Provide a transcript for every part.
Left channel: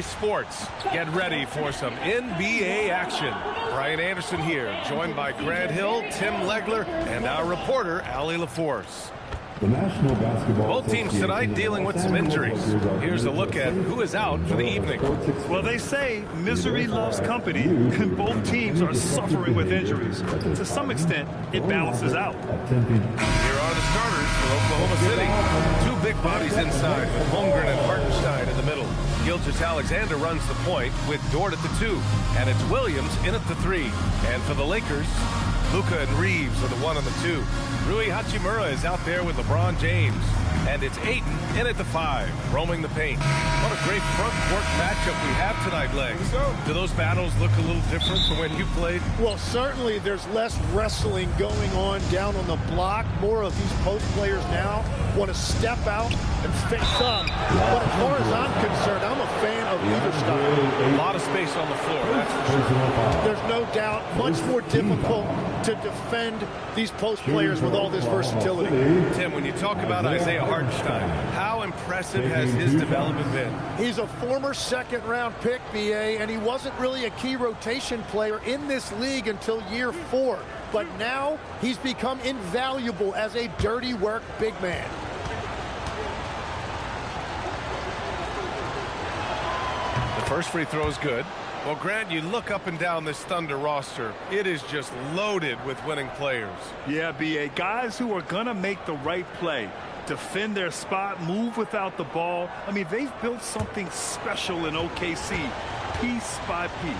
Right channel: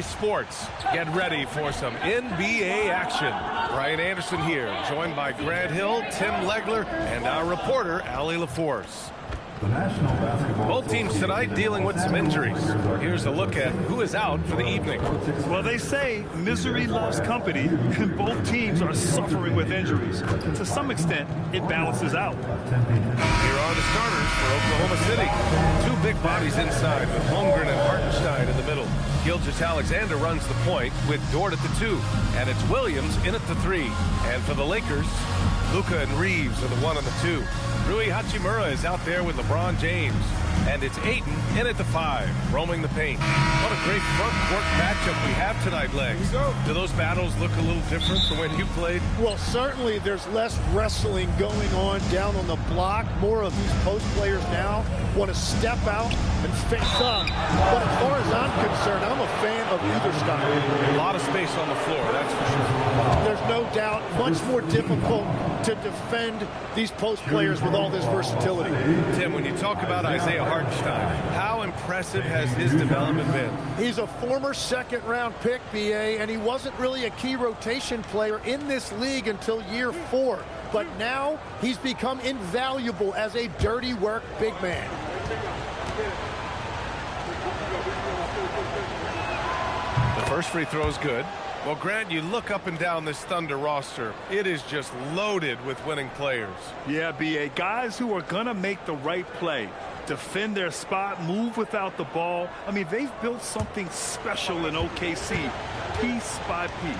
Sports, get ready for some NBA action. Brian Anderson here, joined by Grant Hill, Tim Legler, and our reporter, Allie LaForce. Both teams tonight dealing with some injuries. Here's a look at who is out for the evening. Well, they say misery loves company, and both teams are suffering with injuries. To some extent, it balances out. Here are the starters for Oklahoma City. Two big bodies inside with Holmgren and Hartenstein in the middle. Gilgeous-Alexander runs the point with Dort at the 2, and it's Williams in at the 3. And for the Lakers, Luka and Reeves are the 1 and the 2. Rui Hachimura is out there with LeBron James. And it's Ayton in at the 5, roaming the paint. What a great front court matchup we have tonight, Legs. Do those battles look a little different from when you played? Well, certainly there's less wrestling going on down on the block. More of these post players now want to step out and face up. But as far as I'm concerned, I'm a fan of either style. A lot of space on the floor, that's for sure. There's no doubt much more difficult to defend these post players with all this versatility. Tim, when you talk about Isaiah Hartenstein, how impressive has his development been? He's a former second-round pick, BA, and he wasn't really a key rotation player in this league until year 4. But now he's become invaluable as a dirty work big man. The first free throw is good. Well, Grant, you look up and down this Thunder roster. It is just loaded with winning players. Yeah, BA, guys who are going to make the right play, defend their spot, move without the ball. I mean, they've built something special in OKC, piece by piece.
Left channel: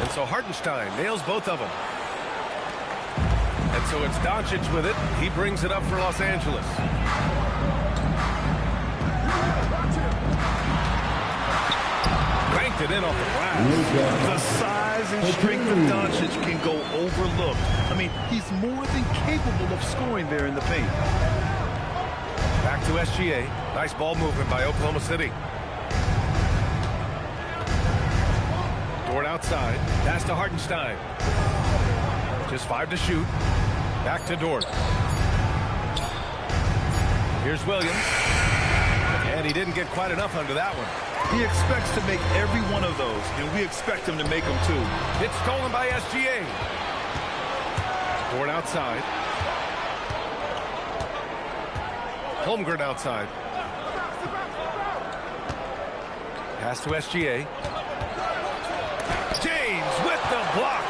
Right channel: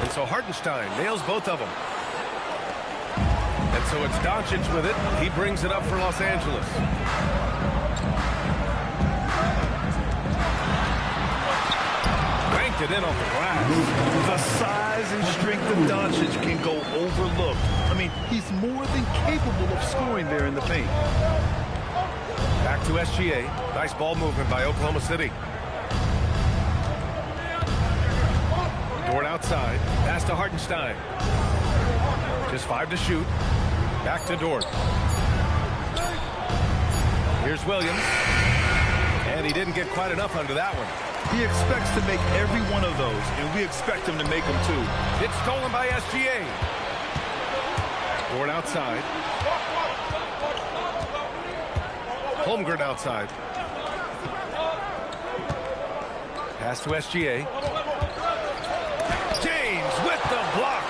And so Hartenstein nails both of them. And so it's Doncic with it. He brings it up for Los Angeles. Banked it in off the glass. The size and strength of Doncic can go overlooked. I mean, he's more than capable of scoring there in the paint. Back to SGA. Nice ball movement by Oklahoma City. Dort outside. Pass to Hartenstein. Just 5 to shoot. Back to Dort. Here's Williams. And he didn't get quite enough under that one. He expects to make every one of those, and we expect him to make them too. It's stolen by SGA. Dort outside. Holmgren outside. Pass to SGA. James with the block.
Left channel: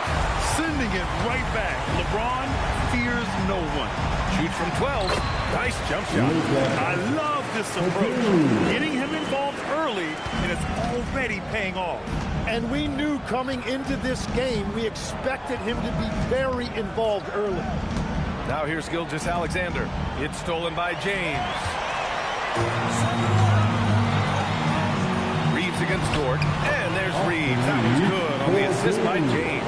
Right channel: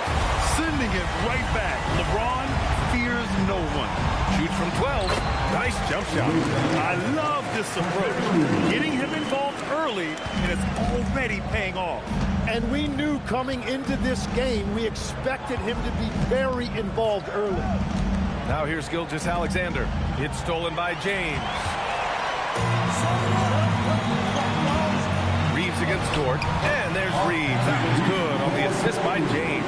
Sending it right back. LeBron fears no one. Shoots from 12. Nice jump shot. I love this approach. Getting him involved early, and it's already paying off. And we knew coming into this game, we expected him to be very involved early. Now here's Gilgeous-Alexander. It's stolen by James. Reeves against Dort. And there's Reeves. That was good on the assist by James.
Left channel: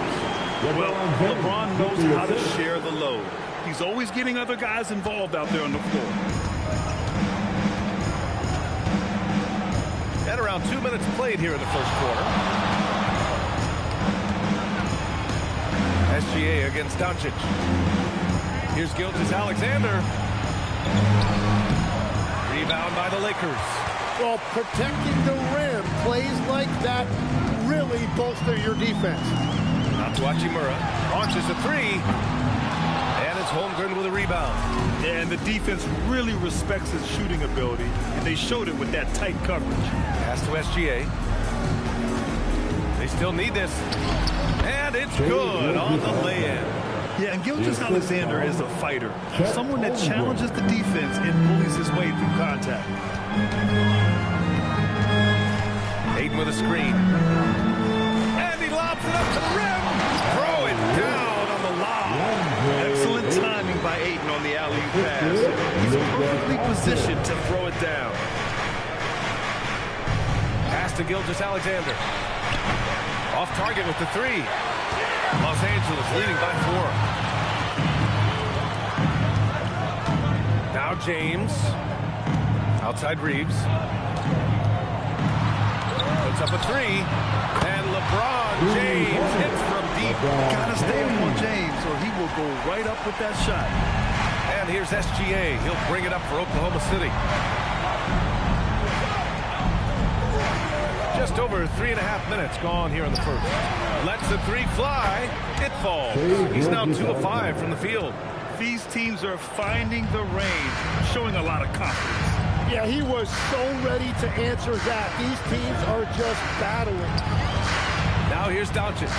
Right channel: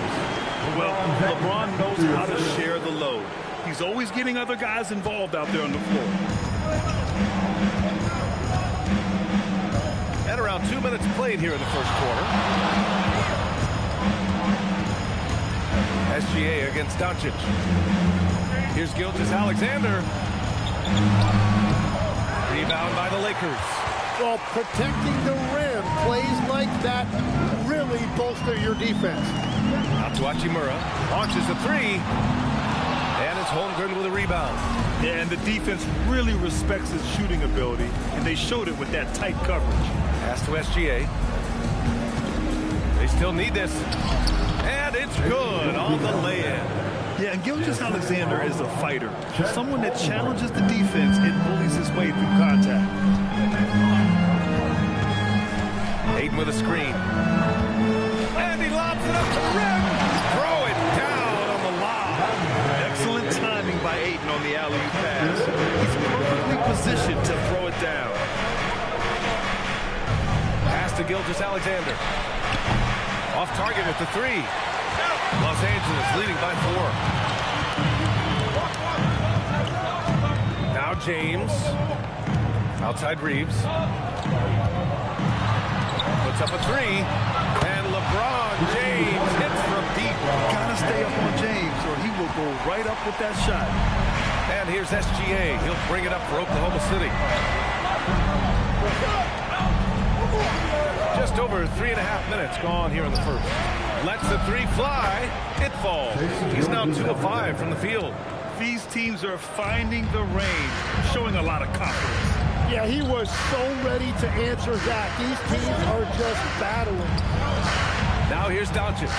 Well, LeBron knows how to share the load. He's always getting other guys involved out there on the floor. At around 2 minutes played here in the first quarter. SGA against Doncic. Here's Gilgeous-Alexander. Rebound by the Lakers. Well, protecting the rim, plays like that really bolster your defense. Out to Hachimura. Launches a 3. And it's Holmgren with a rebound. Yeah, and the defense really respects his shooting ability, and they showed it with that tight coverage. Pass to SGA. They still need this. And it's good on the lay-in. Yeah, and Gilgeous-Alexander is a fighter. Someone that challenges the defense and bullies his way through contact. Ayton with a screen. And he lobs it up to the rim. Throw it down on the lob. Excellent timing by Ayton on the alley-oop pass. He's perfectly positioned to throw it down. Pass to Gilgeous-Alexander. Off target with the 3. Los Angeles leading by 4. Now James. Outside Reeves. Puts up a 3. And LeBron James hits from deep. Gotta stay up on James or he will go right up with that shot. And here's SGA. He'll bring it up for Oklahoma City. Just over 3.5 minutes gone here in the first. Lets the three fly. It falls. He's now 2 of 5 from the field. These teams are finding the range, showing a lot of confidence. Yeah, he was so ready to answer that. These teams are just battling. Now here's Doncic.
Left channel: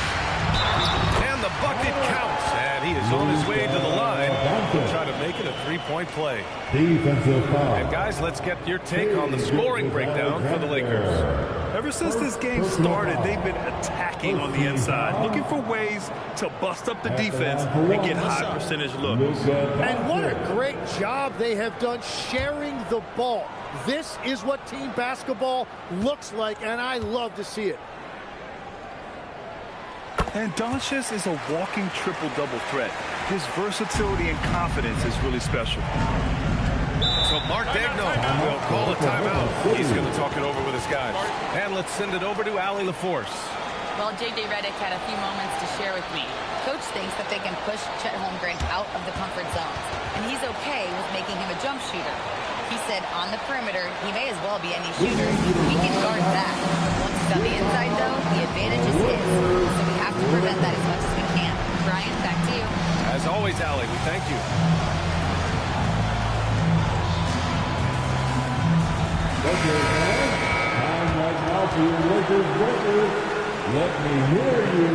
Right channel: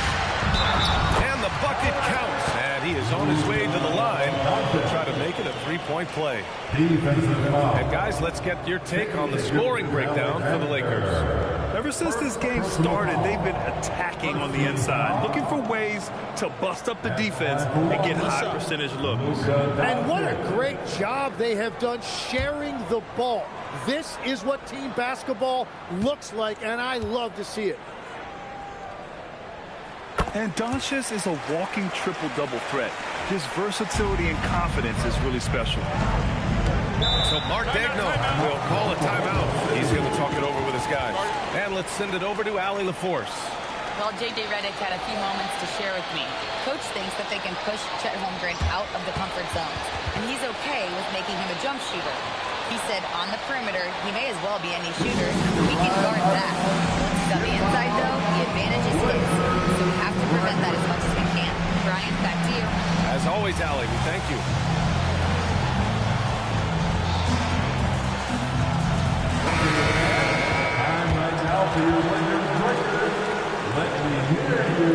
And the bucket counts. And he is on his way to the line to try to make it a three-point play. Defensive foul. And guys, let's get your take on the scoring breakdown for the Lakers. Ever since this game started, they've been attacking on the inside, looking for ways to bust up the defense and get high percentage looks. And what a great job they have done sharing the ball. This is what team basketball looks like, and I love to see it. And Doncic is a walking triple-double threat. His versatility and confidence is really special. So Mark Dagno will call a timeout. He's going to talk it over with his guys. And let's send it over to Allie LaForce. Well, J.J. Redick had a few moments to share with me. Coach thinks that they can push Chet Holmgren out of the comfort zones, and he's okay with making him a jump shooter. He said on the perimeter, he may as well be any shooter. We can guard that. Once he's on the inside, though, the advantage is his. So we have to prevent that as much as we can. Brian, back to you. As always, Allie, we thank you. Time right now for your Lakers breakers. Let me hear you.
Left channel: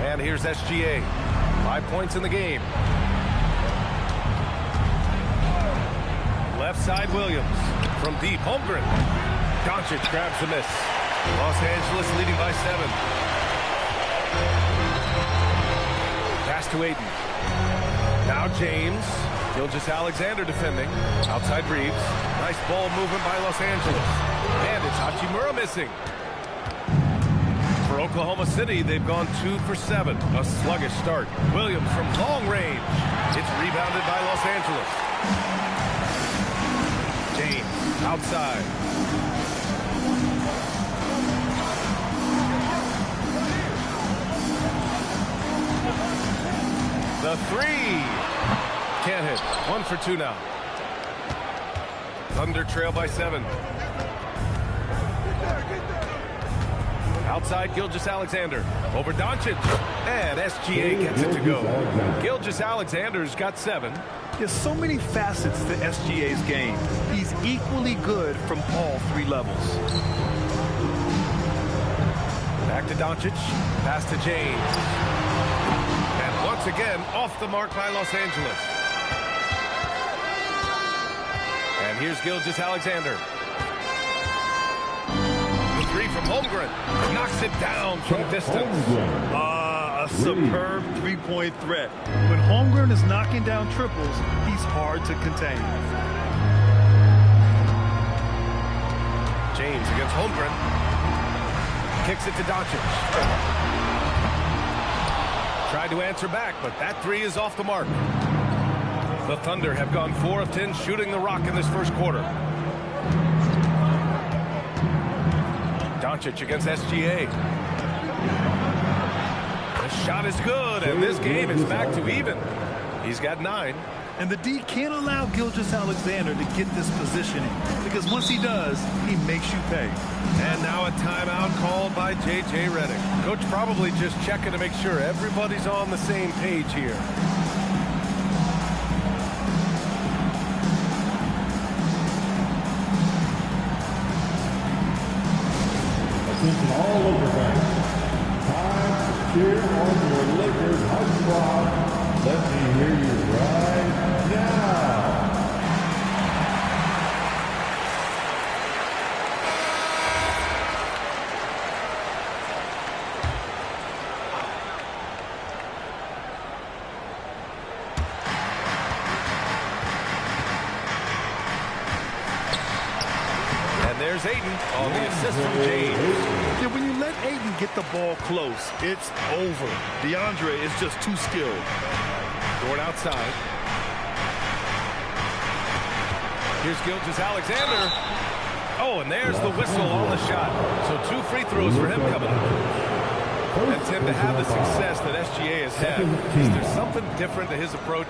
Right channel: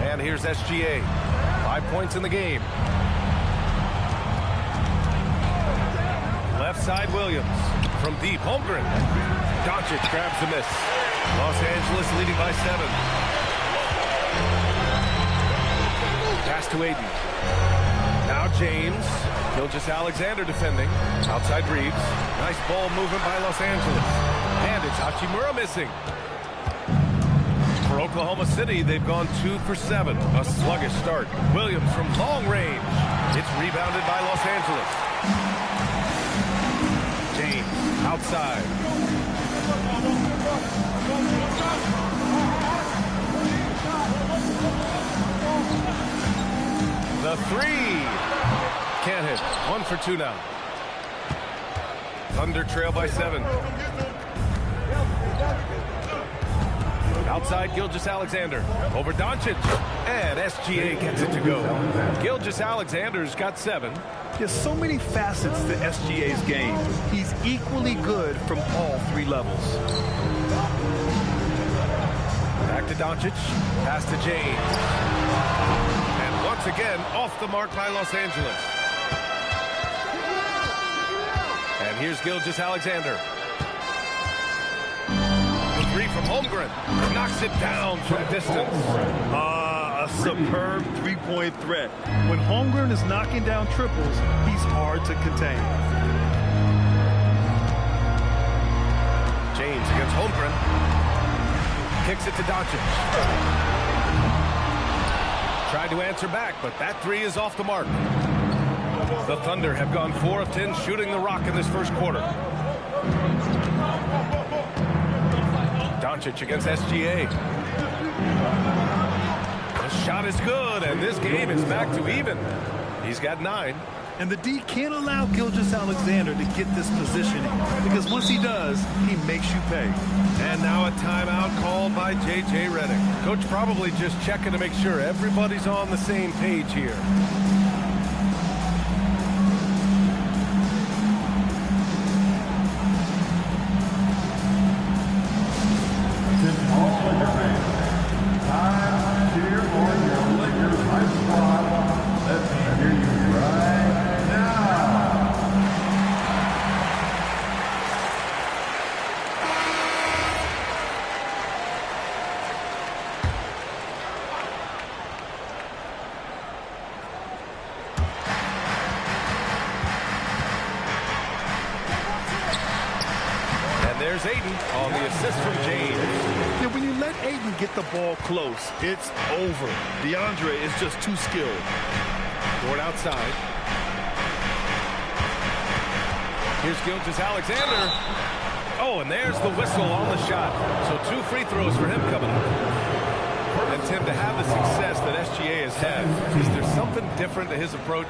And here's SGA. 5 points in the game. Left side, Williams. From deep, Holmgren. Doncic grabs the miss. Los Angeles leading by 7. Pass to Aiden. Now James. Gilgeous-Alexander defending. Outside Reeves. Nice ball movement by Los Angeles. And it's Hachimura missing. For Oklahoma City, they've gone 2 for 7. A sluggish start. Williams from long range. It's rebounded by Los Angeles. James outside. The three. Can't hit. 1 for 2 now. Thunder trail by 7. Outside, Gilgeous-Alexander. Over Doncic. And SGA gets it to go. Gilgeous-Alexander's got 7. There's so many facets to SGA's game. He's equally good from all 3 levels. Back to Doncic. Pass to James. And once again, off the mark by Los Angeles. And here's Gilgeous-Alexander. The 3 from Holmgren. Knocks it down from distance. A superb three-point threat. When Holmgren is knocking down triples, he's hard to contain. James against Holmgren. Kicks it to Doncic. Tried to answer back, but that 3 is off the mark. The Thunder have gone 4 of 10 shooting the rock in this first quarter. Doncic against SGA. The shot is good, and this game is back to even. He's got 9. And the D can't allow Gilgeous-Alexander to get this positioning, because once he does, he makes you pay. And now a timeout called by J.J. Redick. Coach probably just checking to make sure everybody's on the same page here. Attention all Laker fans. Time to cheer on your Lakers hype squad. Let me hear you right now. And there's Aiden on the assist from James. Yeah, when you let Aiden get the ball close, it's over. DeAndre is just too skilled. Dort outside. Here's Gilgeous-Alexander. Oh, and there's the whistle on the shot. So 2 free throws for him coming up. And Tim, to have the success that SGA has had, is there something different to his approach?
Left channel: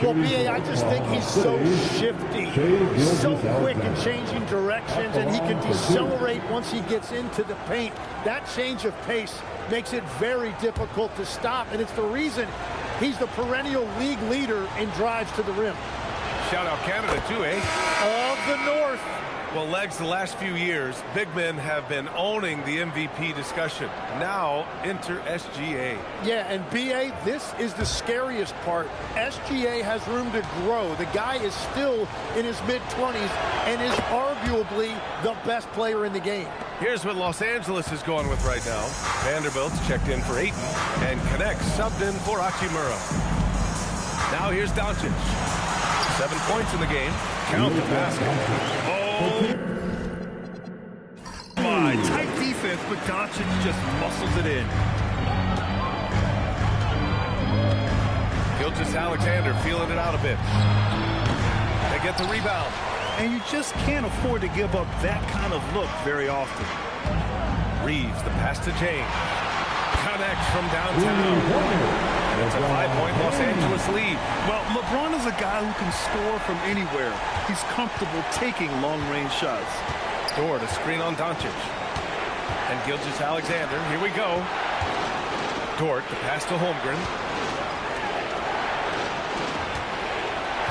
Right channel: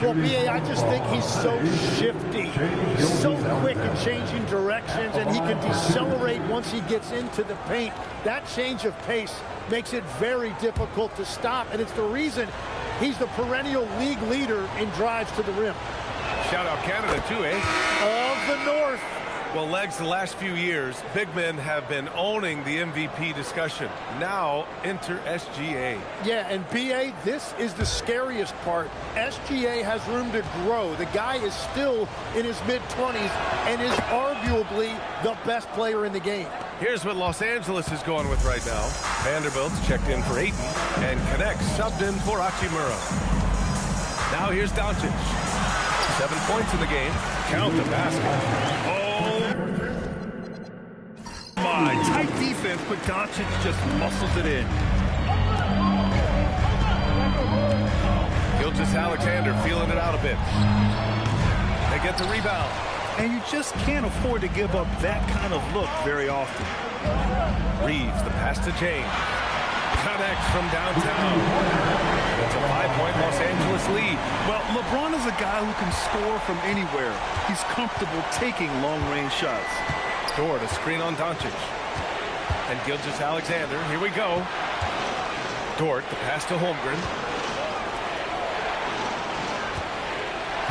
Well, B.A., I just think he's so shifty, so quick in changing directions, and he can decelerate once he gets into the paint. That change of pace makes it very difficult to stop, and it's the reason he's the perennial league leader in drives to the rim. Shout out Canada, too, eh? Of the North. Well, Legs, the last few years, big men have been owning the MVP discussion. Now, enter SGA. Yeah, and B.A., this is the scariest part. SGA has room to grow. The guy is still in his mid-20s and is arguably the best player in the game. Here's what Los Angeles is going with right now. Vanderbilt's checked in for Ayton, and Connect subbed in for Hachimura. Now here's Doncic. 7 points in the game. Count the basket. Oh, my. Tight defense, but Doncic just muscles it in. Gilgeous-Alexander feeling it out a bit. They get the rebound. And you just can't afford to give up that kind of look very often. Reeves, the pass to James. Connects from downtown. And it's a 5-point Los Angeles lead. Well, LeBron is a guy who can score from anywhere. He's comfortable taking long-range shots. Dort, a screen on Doncic. And Gilgeous-Alexander, here we go. Dort, the pass to Holmgren.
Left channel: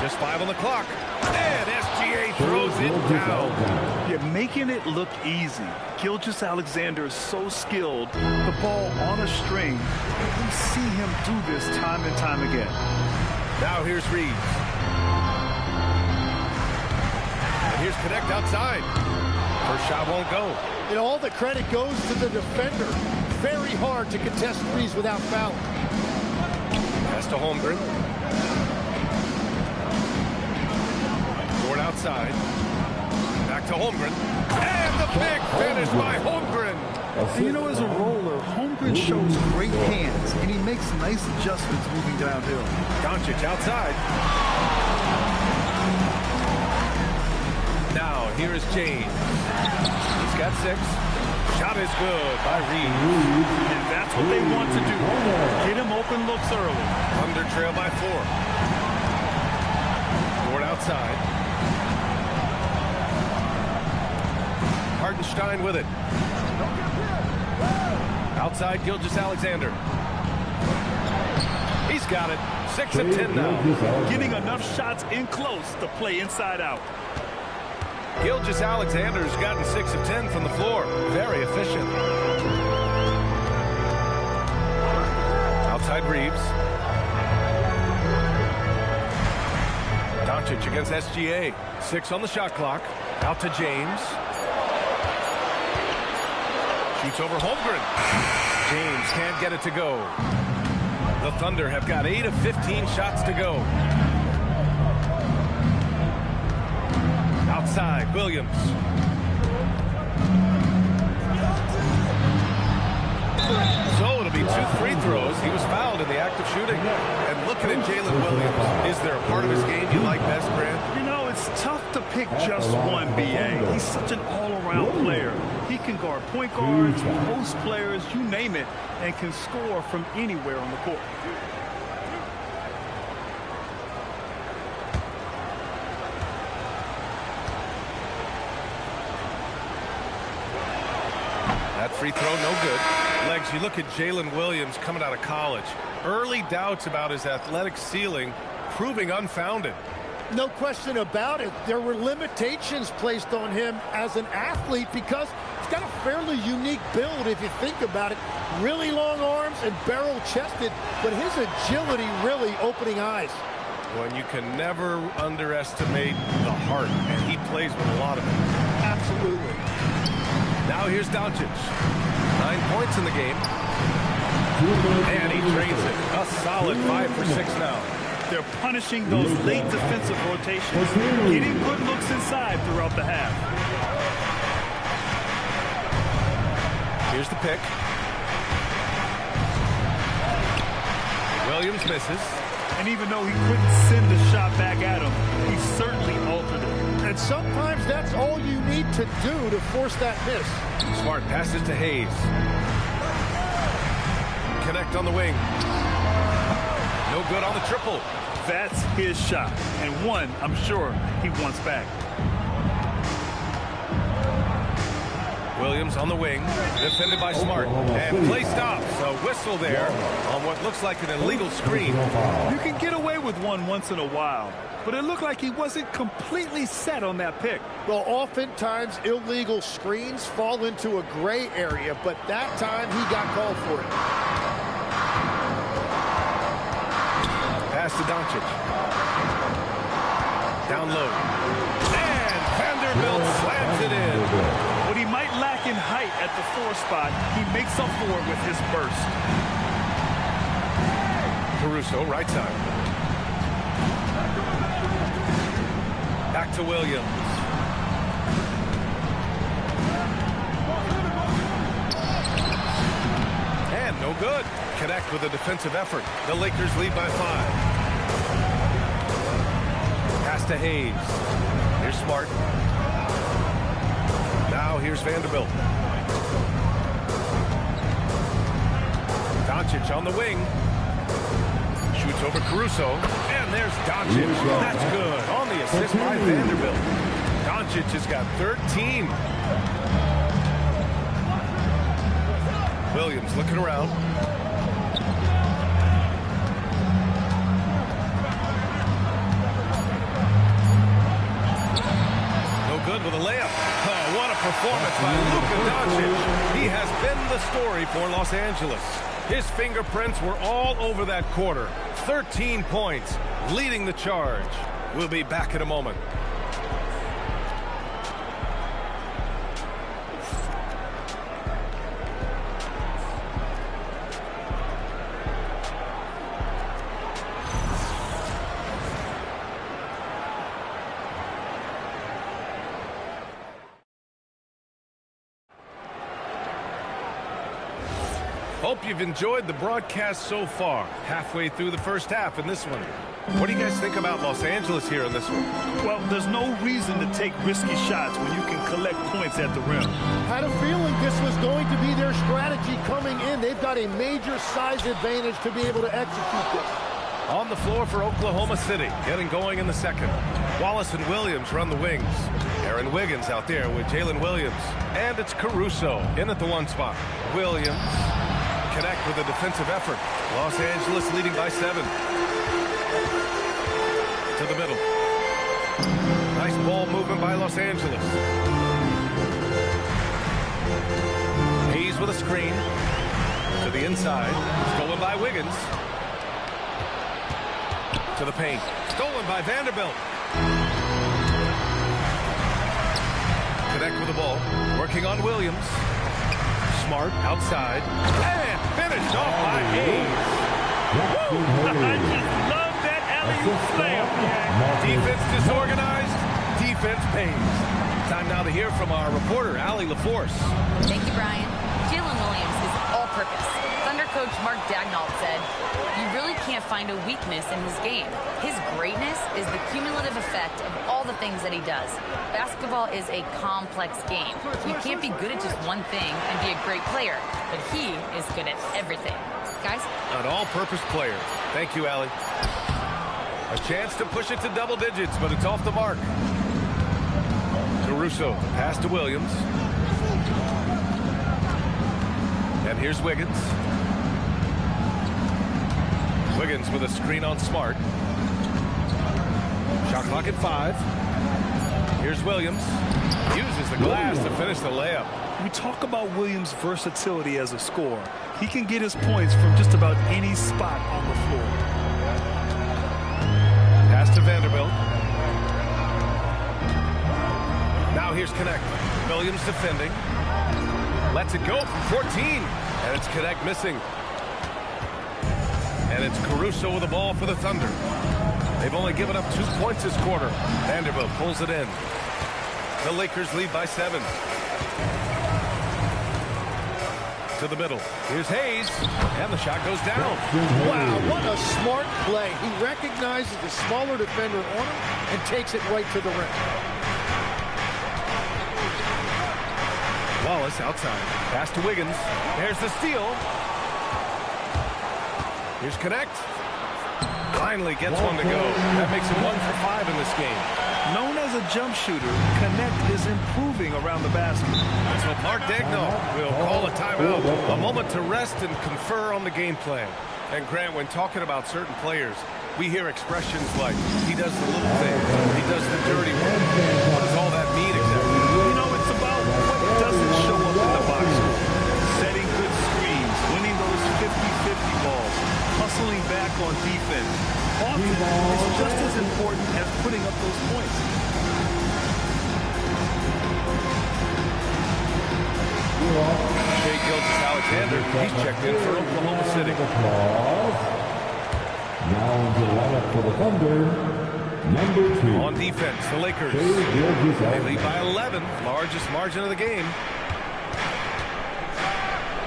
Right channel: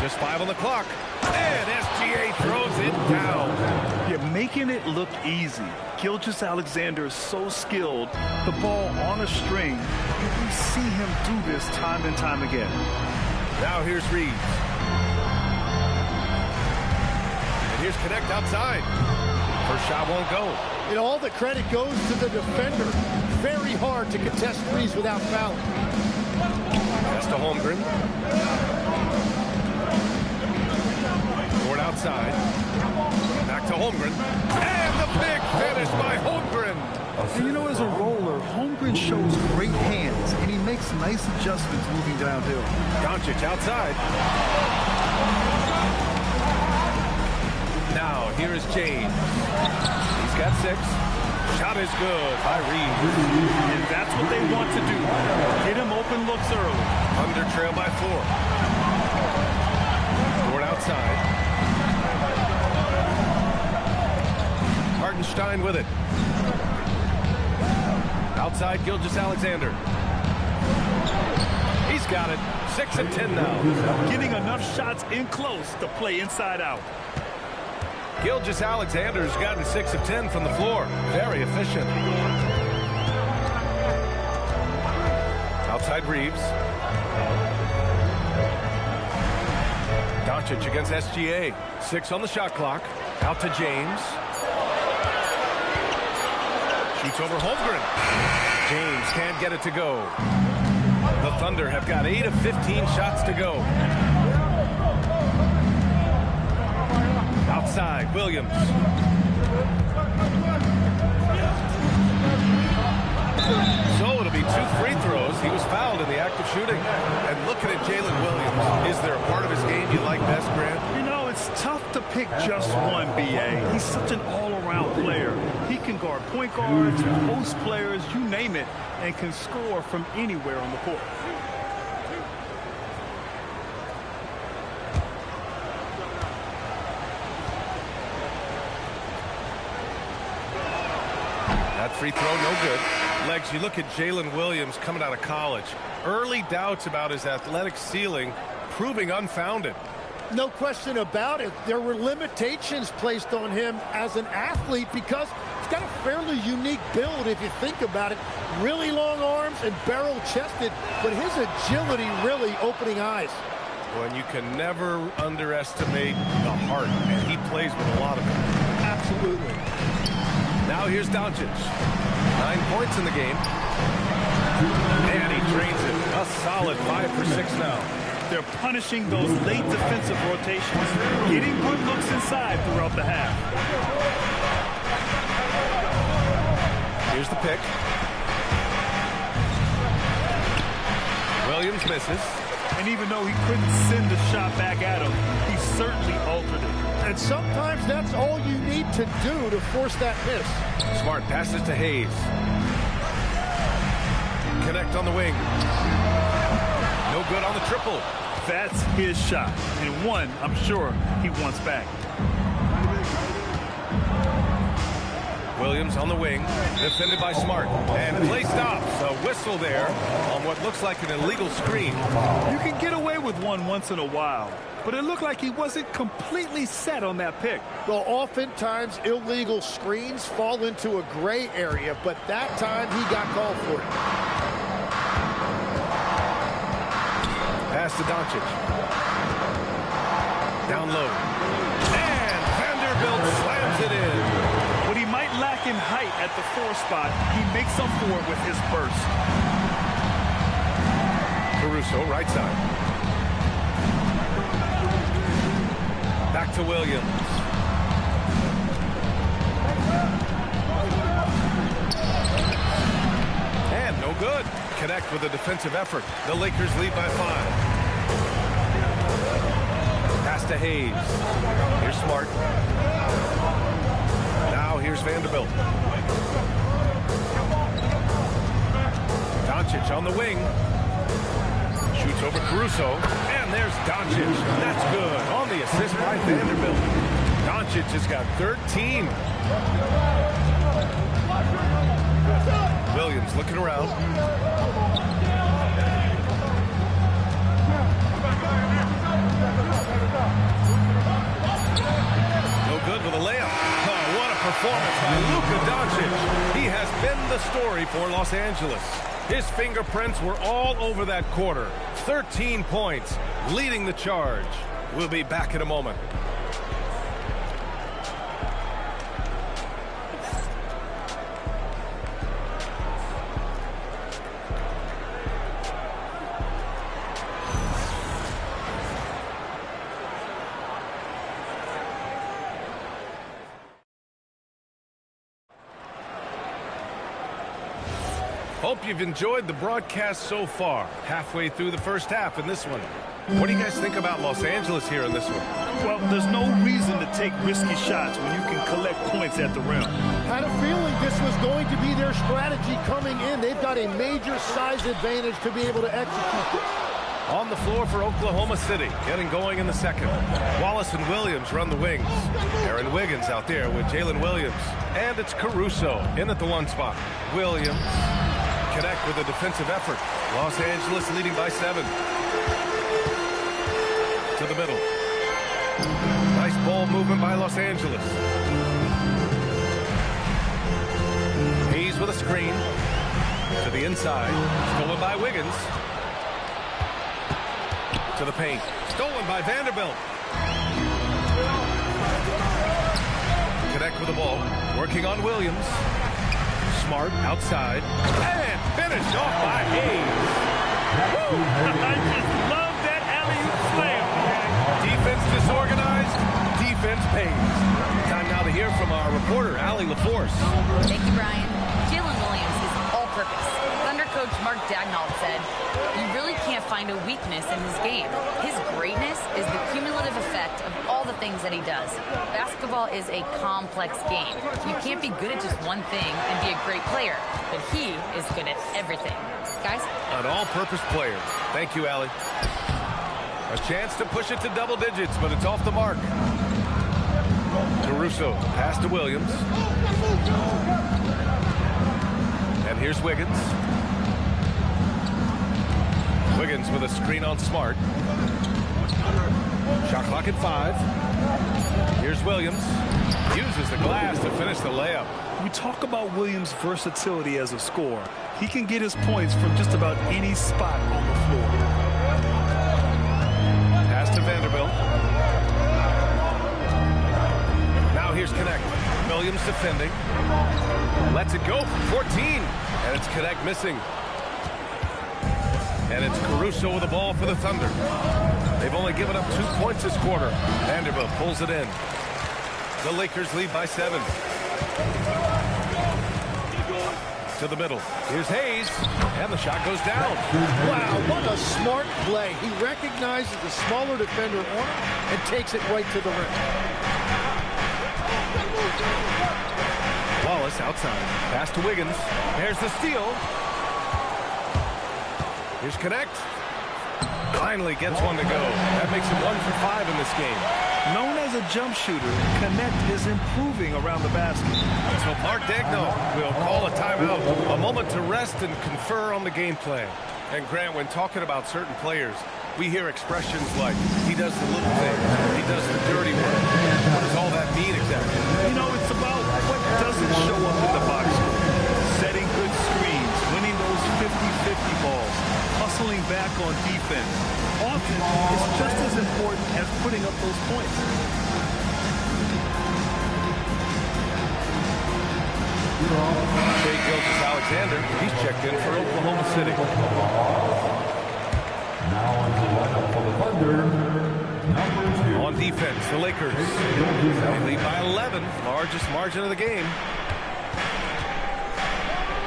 Just 5 on the clock. And SGA throws it down. You're making it look easy. Gilgeous-Alexander is so skilled. The ball on a string. And we see him do this time and time again. Now here's Reeves. And here's Connect outside. First shot won't go. And all the credit goes to the defender. Very hard to contest threes without fouling. Pass to Holmgren. Dort outside. Back to Holmgren. And the big finish by Holmgren. And you know, as a roller, Holmgren shows great hands, and he makes nice adjustments moving downhill. Doncic outside. Now, here is James. He's got 6. Shot is good by Reeves. And that's what they want to do. Get him open looks early. Under trail by 4. Dort outside. Hartenstein with it. Outside, Gilgeous-Alexander. He's got it. 6 of 10 now. Getting enough shots in close to play inside out. Gilgeous-Alexander's gotten 6 of 10 from the floor. Very efficient. Outside Reeves. Doncic against SGA. 6 on the shot clock. Out to James. Shoots over Holmgren. James can't get it to go. The Thunder have got 8 of 15 shots to go. Outside, Williams. So it'll be 2 free throws. He was fouled in the act of shooting. And looking at Jalen Williams, is there a part of his game you like best, Grant? You know, it's tough to pick just one, B.A. He's such an all-around player. He can guard point guards, post players, you name it, and can score from anywhere on the court. That free throw, no good. Legs, you look at Jalen Williams coming out of college. Early doubts about his athletic ceiling proving unfounded. No question about it. There were limitations placed on him as an athlete because he's got a fairly unique build if you think about it. Really long arms and barrel-chested, but his agility really opening eyes. Well, and you can never underestimate the heart, and he plays with a lot of it. Absolutely. Now here's Doncic. 9 points in the game. And he drains it. A solid 5 for 6 now. They're punishing those late defensive rotations, getting good looks inside throughout the half. Here's the pick. Williams misses. And even though he couldn't send the shot back at him, he certainly altered it. And sometimes that's all you need to do to force that miss. Smart passes to Hayes. Connect on the wing. No good on the triple. That's his shot, and one I'm sure he wants back. Williams on the wing, defended by Smart, and play stops. A whistle there on what looks like an illegal screen. You can get away with one once in a while, but it looked like he wasn't completely set on that pick. Well, oftentimes illegal screens fall into a gray area, but that time he got called for it. Pass to Doncic. Down low. And Vanderbilt slams it in. What he might lack in height at the 4 spot, he makes up for it with his burst. Caruso, right side. Back to Williams. And no good. Connect with a defensive effort. The Lakers lead by 5. Pass to Hayes. Here's Smart. Now here's Vanderbilt. Doncic on the wing. Shoots over Caruso. And there's Doncic. That's good. On the assist by Vanderbilt. Doncic has got 13. Williams looking around. No good with a layup. Oh, what a performance by Luka Doncic. He has been the story for Los Angeles. His fingerprints were all over that quarter. 13 points, leading the charge. We'll be back in a moment. Hope you've enjoyed the broadcast so far. Halfway through the first half in this one. What do you guys think about Los Angeles here in this one? Well, there's no reason to take risky shots when you can collect points at the rim. Had a feeling this was going to be their strategy coming in. They've got a major size advantage to be able to execute this. On the floor for Oklahoma City, getting going in the second. Wallace and Williams run the wings. Aaron Wiggins out there with Jalen Williams. And it's Caruso in at the 1 spot. Williams connect with a defensive effort. Los Angeles leading by 7. To the middle. Nice ball movement by Los Angeles. Hayes with a screen. To the inside. Stolen by Wiggins. To the paint. Stolen by Vanderbilt. Connect with the ball. Working on Williams. Smart outside. And finished off by Hayes. Woo! I just love that alley-oop slam. Defense disorganized. Defense pays. Time now to hear from our reporter, Allie LaForce. Thank you, Brian. Jalen Williams is all-purpose. Thunder coach Mark Daigneault said, "You really can't find a weakness in his game. His greatness is the cumulative effect of all the things that he does. Basketball is a complex game. You can't be good at just one thing and be a great player, but he is good at everything." Guys? An all-purpose player. Thank you, Allie. A chance to push it to double digits, but it's off the mark. Caruso, pass to Williams. And here's Wiggins. Wiggins with a screen on Smart. Shot clock at 5. Here's Williams. Uses the glass to finish the layup. We talk about Williams' versatility as a scorer. He can get his points from just about any spot on the floor. Pass to Vanderbilt. Now here's Connect. Williams defending. Lets it go from 14. And it's Connect missing. And it's Caruso with the ball for the Thunder. They've only given up 2 points this quarter. Vanderbilt pulls it in. The Lakers lead by 7. to the middle. Here's Hayes, and the shot goes down. Wow, what a smart play. He recognizes the smaller defender on him and takes it right to the rim. Wallace outside. Pass to Wiggins. There's the steal. Here's Connect. Finally gets one to go. That makes him 1 for 5 in this game. Known as a jump shooter, Connect is improving around the basket. So Mark Daigneault will call a timeout. A moment to rest and confer on the game plan. And Grant, when talking about certain players, we hear expressions like, he does the little things, or he does the dirty work. What does all that mean exactly? You know, it's about what doesn't show up in the box score. Setting good screens, winning those 50-50 balls, hustling back on defense. Often, it's just as important as putting up those points. Shai Gilgeous-Alexander, he's checked in for Oklahoma City. Now into the lineup for the Thunder, number 2. On defense, the Lakers. They lead by 11, largest margin of the game.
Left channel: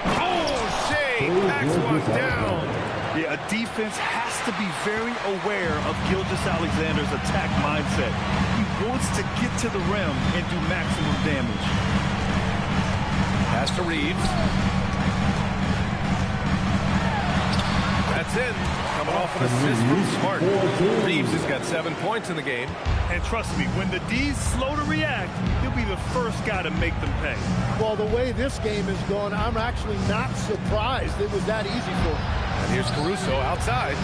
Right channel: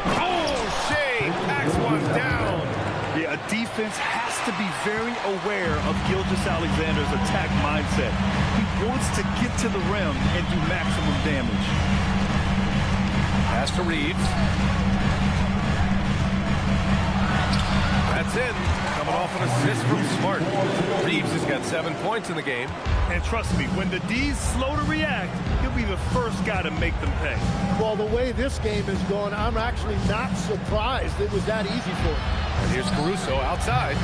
Oh, Shai packs one down. Yeah, a defense has to be very aware of Gilgeous-Alexander's attack mindset. He wants to get to the rim and do maximum damage. Pass to Reeves. That's in. Coming off an assist from Smart. Reeves has got 7 points in the game. And trust me, when the D's slow to react, he'll be the first guy to make them pay. Well, the way this game is going, I'm actually not surprised it was that easy for him. And here's Caruso outside.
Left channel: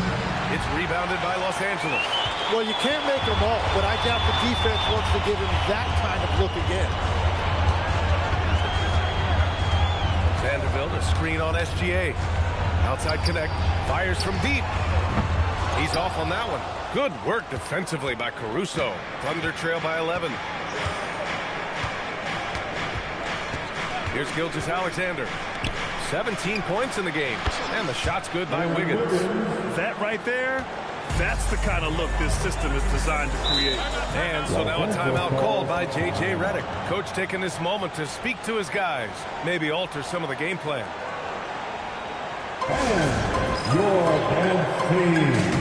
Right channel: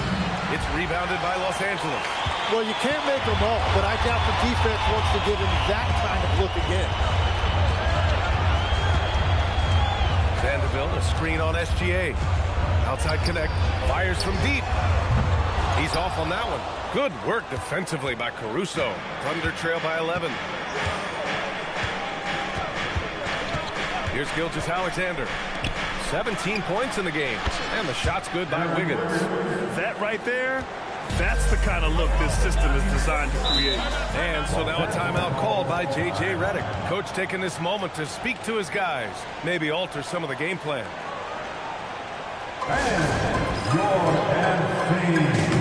It's rebounded by Los Angeles. Well, you can't make them all, but I doubt the defense wants to give him that kind of look again. Vanderbilt, a screen on SGA. Outside Connect, fires from deep. He's off on that one. Good work defensively by Caruso. Thunder trail by 11. Here's Gilgeous-Alexander. 17 points in the game. And the shot's good by Wiggins. That right there, that's the kind of look this system is designed to create. And so now a timeout called by J.J. Redick. Coach taking this moment to speak to his guys. Maybe alter some of the game plan. And your MC.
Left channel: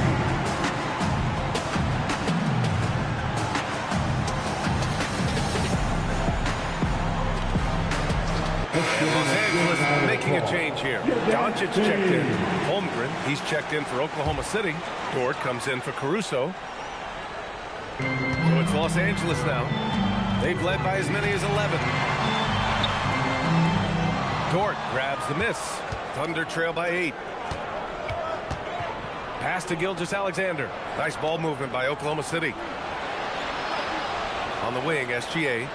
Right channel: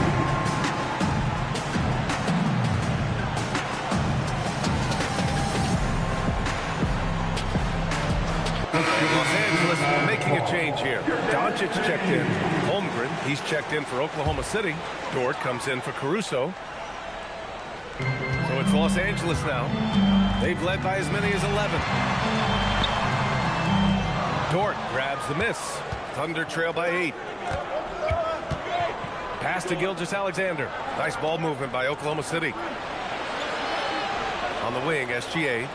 And Los Angeles making a change here. Doncic checked in. Holmgren, he's checked in for Oklahoma City. Dort comes in for Caruso. So it's Los Angeles now. They've led by as many as 11. Dort grabs the miss. Thunder trail by 8. Pass to Gilgeous-Alexander. Nice ball movement by Oklahoma City. On the wing, SGA.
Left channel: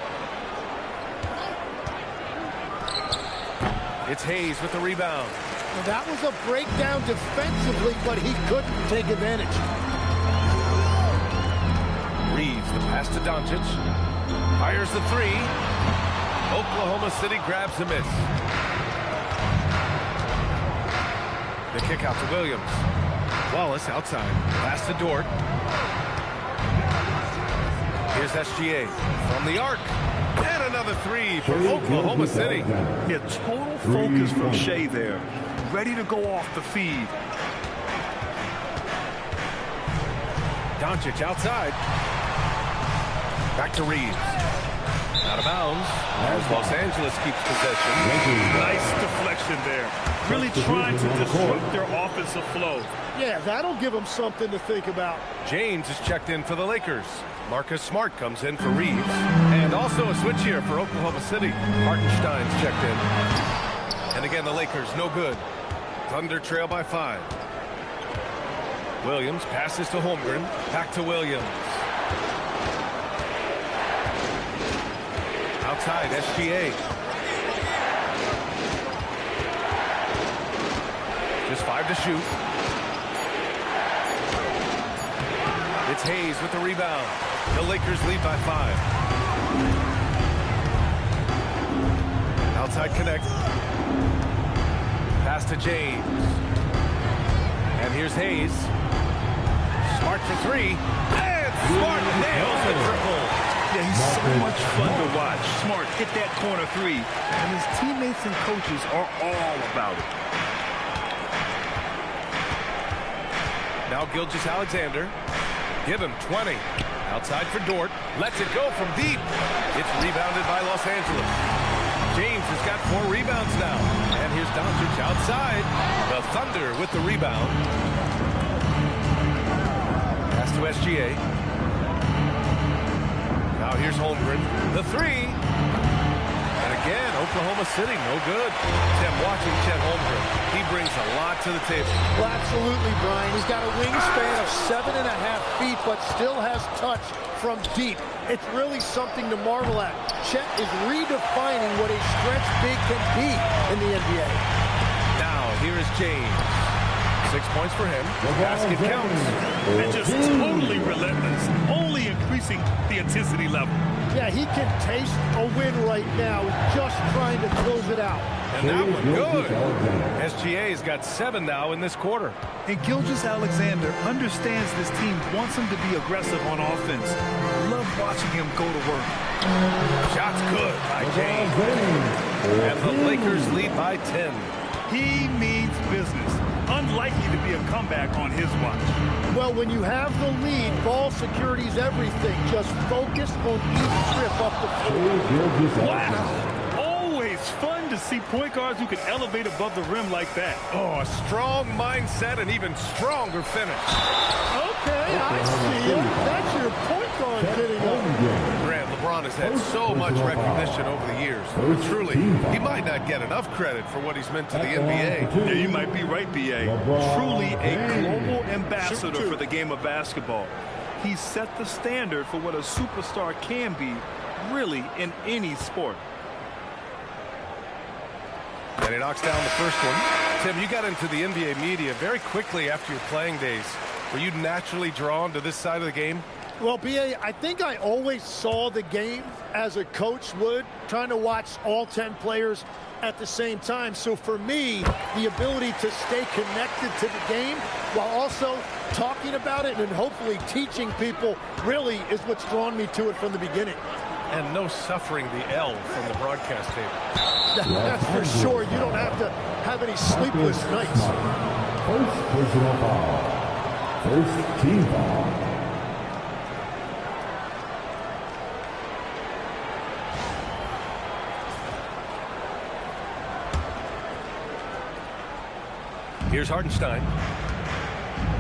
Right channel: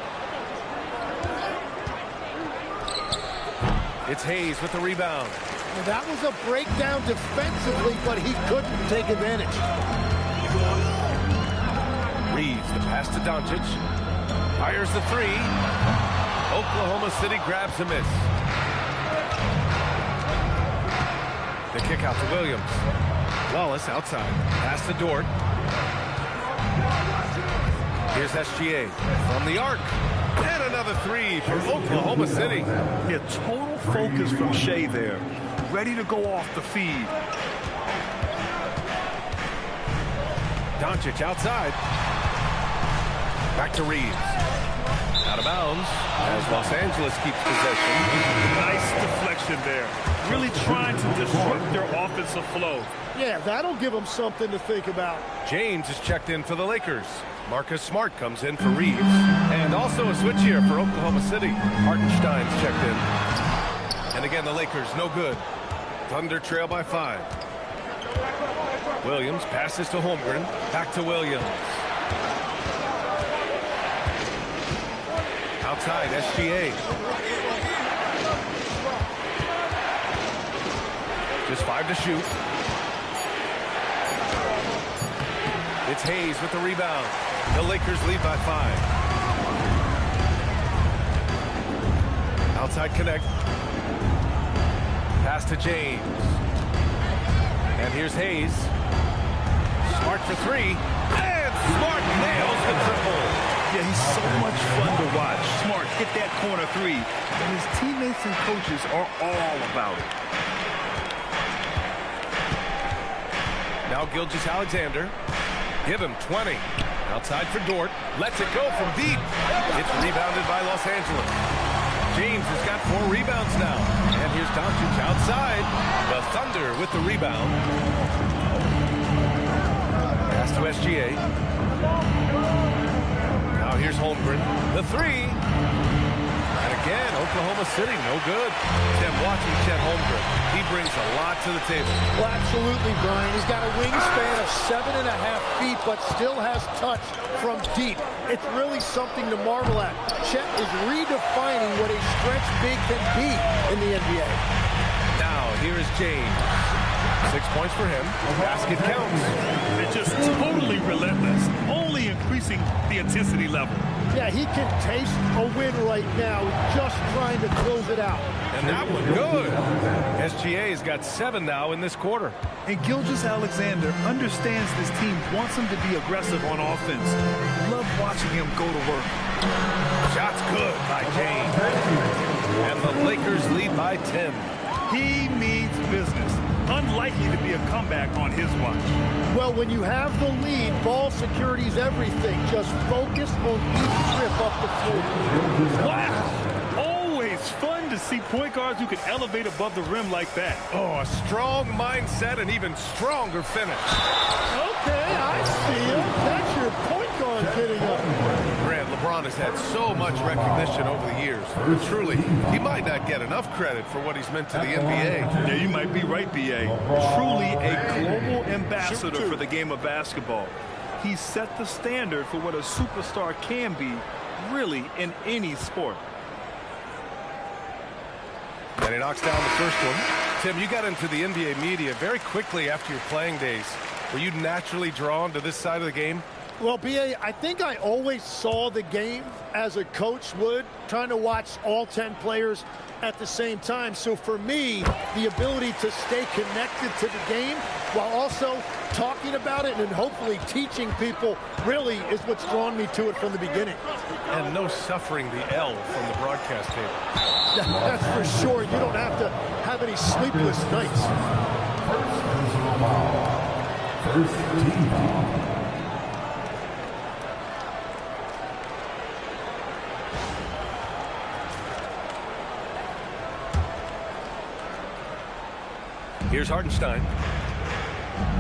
It's Hayes with the rebound. Now, that was a breakdown defensively, but he couldn't take advantage. Reeves, the pass to Doncic. Fires the 3. Oklahoma City grabs the miss. The kick out to Williams. Wallace outside. Pass to Dort. Here's SGA from the arc. And another 3 for Oklahoma City. Yeah, total focus from Shai there. Ready to go off the feed. Doncic outside. Back to Reeves. Out of bounds as Los Angeles keeps possession. Nice deflection there. Really trying to disrupt their offensive flow. Yeah, that'll give them something to think about. James is checked in for the Lakers. Marcus Smart comes in for Reeves. And also a switch here for Oklahoma City. Hartenstein's checked in. And again, the Lakers, no good. Thunder trail by 5. Williams passes to Holmgren. Back to Williams. Outside, SGA. Just 5 to shoot. It's Hayes with the rebound. The Lakers lead by 5. Outside Connect. Pass to James. And here's Hayes. Smart for 3. And Smart nails the triple. Yeah, he's so much fun to watch. Smart hit that corner three, and his teammates and coaches are all about it. Now Gilgeous-Alexander. Give him 20. Outside for Dort. Lets it go from deep. It's rebounded by Los Angeles. James has got 4 rebounds now. And here's Doncic outside. The Thunder with the rebound. Pass to SGA. Now here's Holmgren. The 3. And again, Oklahoma City, no good. Tim, watching Chet Holmgren, he brings a lot to the table. Well, absolutely, Brian. He's got a wingspan of 7.5 feet, but still has touch from deep. It's really something to marvel at. Chet is redefining what a stretch big can be in the NBA. Now, here is James. 6 points for him. Basket counts. And just totally relentless, only increasing the intensity level. Yeah, he can taste a win right now. He's just trying to close it out. And that one good. SGA's got 7 now in this quarter. And Gilgeous-Alexander understands this team wants him to be aggressive on offense. Love watching him go to work. Shot's good by James. And the Lakers lead by 10. He means business. Unlikely to be a comeback on his watch. Well, when you have the lead, ball security is everything. Just focus on each trip up the floor. Wow! Always fun to see point guards who can elevate above the rim like that. Oh, a strong mindset and even stronger finish. Okay, I see you. That's your point guard getting up. Grant, LeBron has had so much recognition over the years. But truly, he might not get enough credit for what he's meant to the NBA. Yeah, you might be right, B.A. Truly a global ambassador for the game of basketball. He set the standard for what a superstar can be, really, in any sport. And he knocks down the first one. Tim, you got into the NBA media very quickly after your playing days. Were you naturally drawn to this side of the game? Well, B.A., I think I always saw the game as a coach would, trying to watch all 10 players at the same time. So for me, the ability to stay connected to the game while also talking about it and hopefully teaching people really is what's drawn me to it from the beginning. And no suffering the L from the broadcast table. That's for sure. You don't have to have any sleepless nights. First personal foul. First team foul. Here's Hartenstein.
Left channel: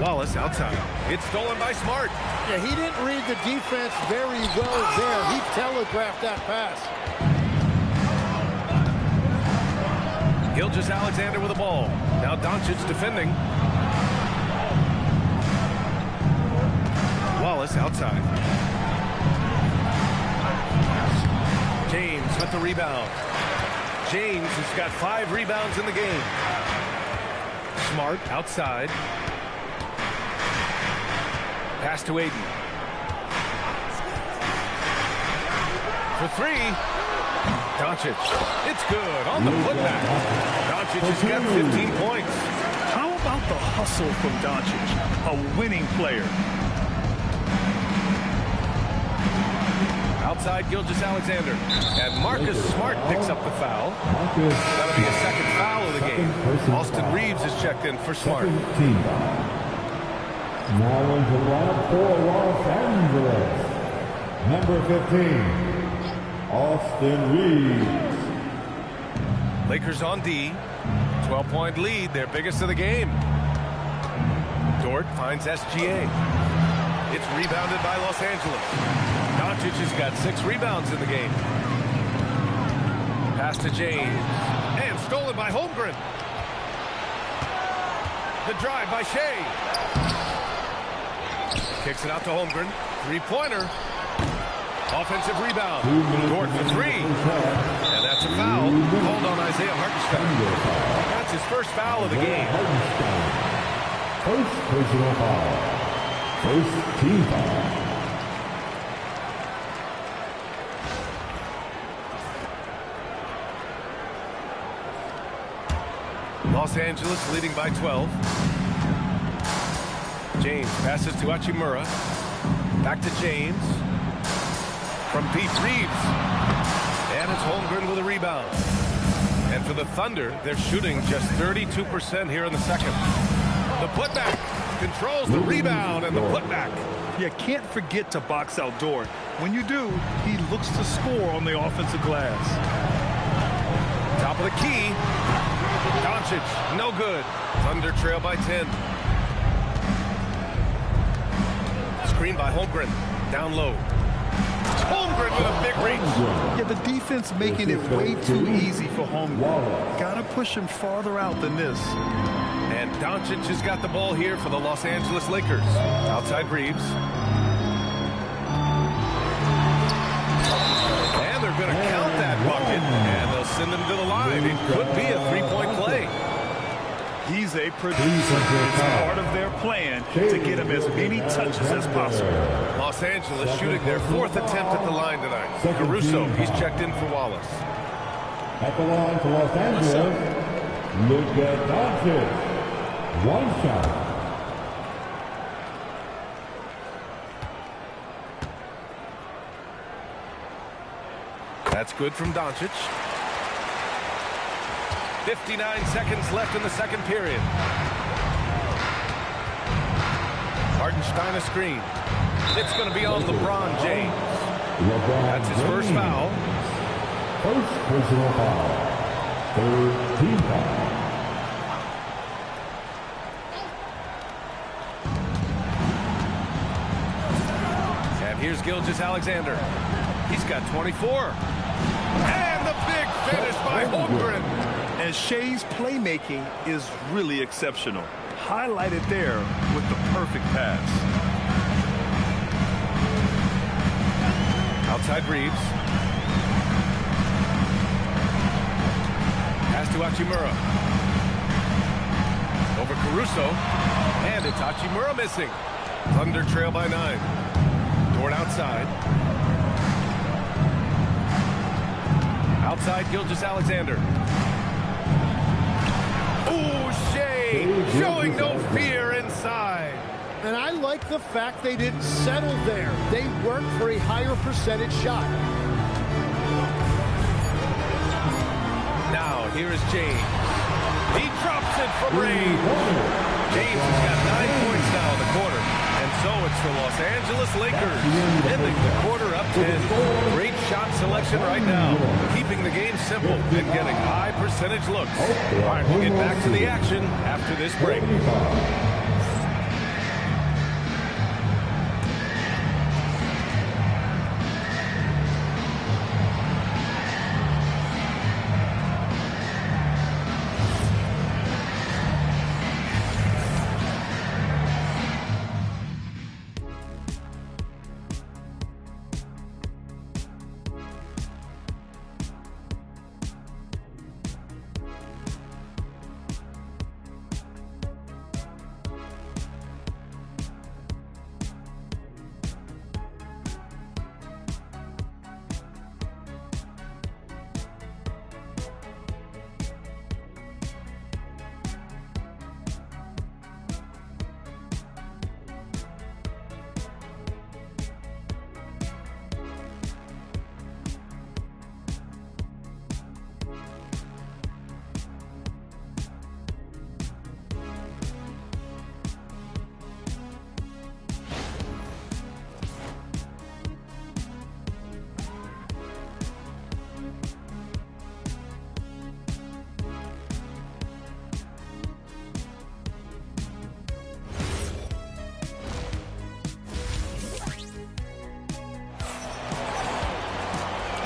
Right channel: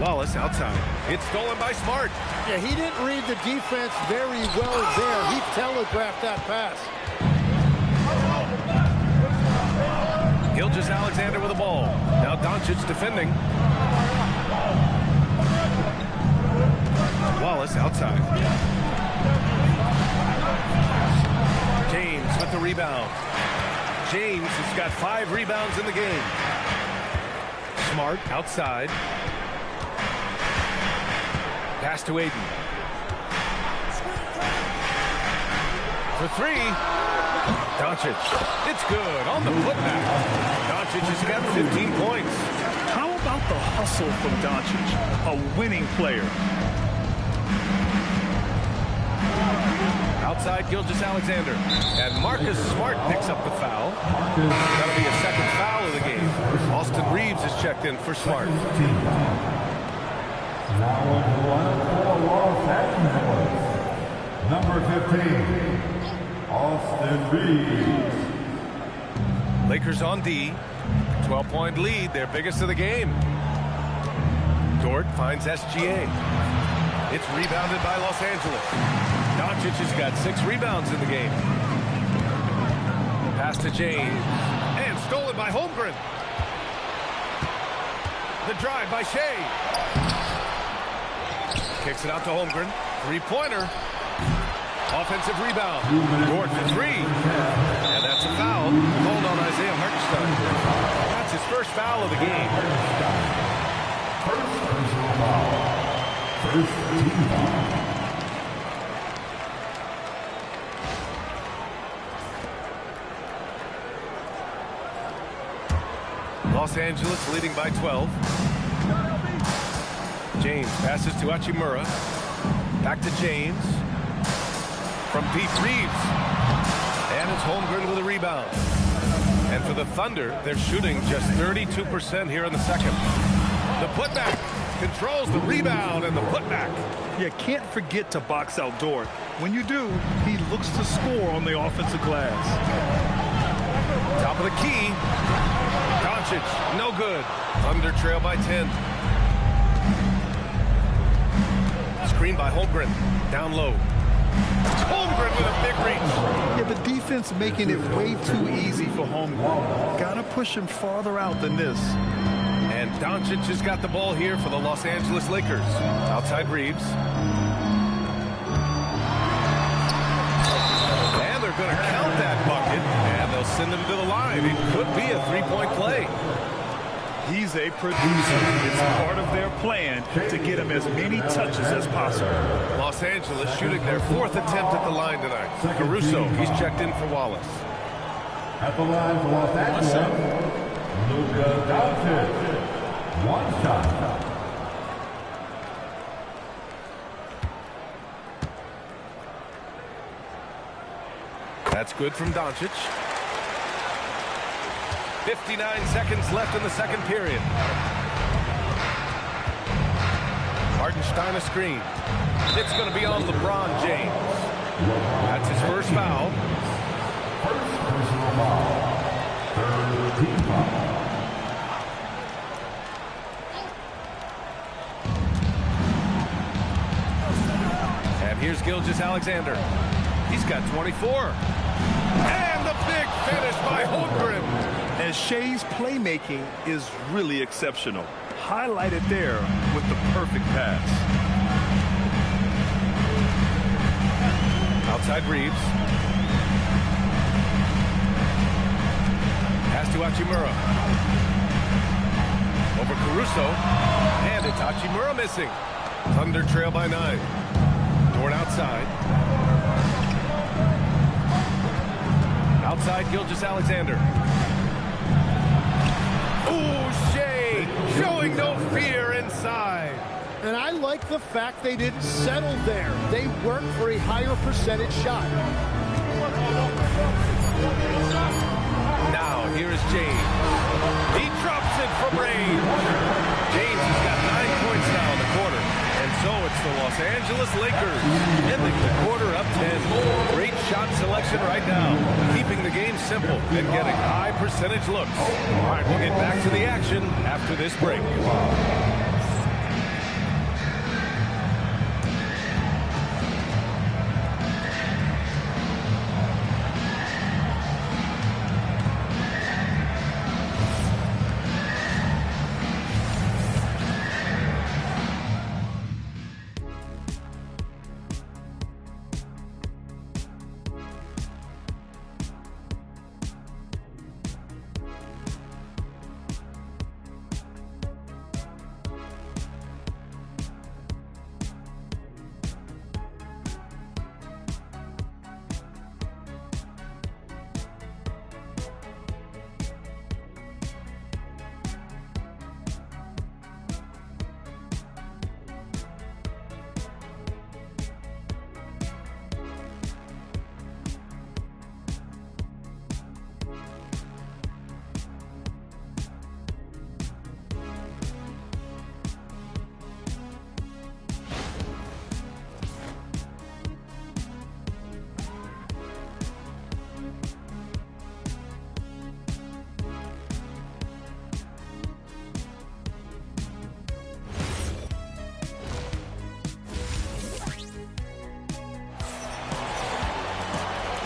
Wallace outside. It's stolen by Smart. Yeah, he didn't read the defense very well there. He telegraphed that pass. Gilgeous-Alexander with the ball. Now Doncic defending. Wallace outside. James with the rebound. James has got 5 rebounds in the game. Smart outside. Pass to Aiden. For 3. Doncic. It's good on the putback. Doncic has got 15 points. How about the hustle from Doncic? A winning player. Outside Gilgeous-Alexander. And Marcus Smart picks up the foul. That'll be a second foul of the game. Austin Reeves is checked in for Smart. Team foul. Now into the lineup for Los Angeles. Number 15, Austin Reeves. Lakers on D. 12-point lead, their biggest of the game. Dort finds SGA. It's rebounded by Los Angeles. Doncic has got 6 rebounds in the game. Pass to James. And stolen by Holmgren. The drive by Shea. Kicks it out to Holmgren. 3-pointer. Offensive rebound. Dort for 3. And that's a foul called on Isaiah Hartenstein. That's his first foul of the game. First personal foul. First team foul. Los Angeles leading by 12. James passes to Hachimura. Back to James. From deep, Reeves. And it's Holmgren with a rebound. And for the Thunder, they're shooting just 32% here in the second. The putback controls the rebound and the putback. You can't forget to box out Dort. When you do, he looks to score on the offensive glass. Top of the key. Doncic, no good. Thunder trail by 10. Screen by Holmgren. Down low. Holmgren with a big reach. Yeah, the defense making it way too easy for Holmgren. Gotta push him farther out than this. And Doncic has got the ball here for the Los Angeles Lakers. Outside Reeves. And they're going to count that bucket, and they'll send him to the line. It could be a three-point play. He's a producer. It's part of their plan to get him as many touches as possible. Los Angeles shooting their fourth attempt at the line tonight. Caruso, he's checked in for Wallace. At the line for Los Angeles, Luka Doncic. One shot. That's good from Doncic. 59 seconds left in the second period. Hartenstein a screen. It's going to be on LeBron James. That's his first foul. First personal foul. Third team foul. And here's Gilgeous-Alexander. He's got 24. And the big finish by Holmgren. And Shea's playmaking is really exceptional. Highlighted there with the perfect pass. Outside Reeves. Pass to Hachimura. Over Caruso. And it's Hachimura missing. Thunder trail by 9. Dort outside. Outside Gilgeous-Alexander. Ooh, Shea showing no fear inside. And I like the fact they didn't settle there. They worked for a higher percentage shot. Now, here is James. He drops it from range. James has got 9 points now in the quarter. And so it's the Los Angeles Lakers ending the quarter up 10. Great shot selection right now. Keeping the game simple and getting high percentage looks. All right, we'll get back to the action after this break.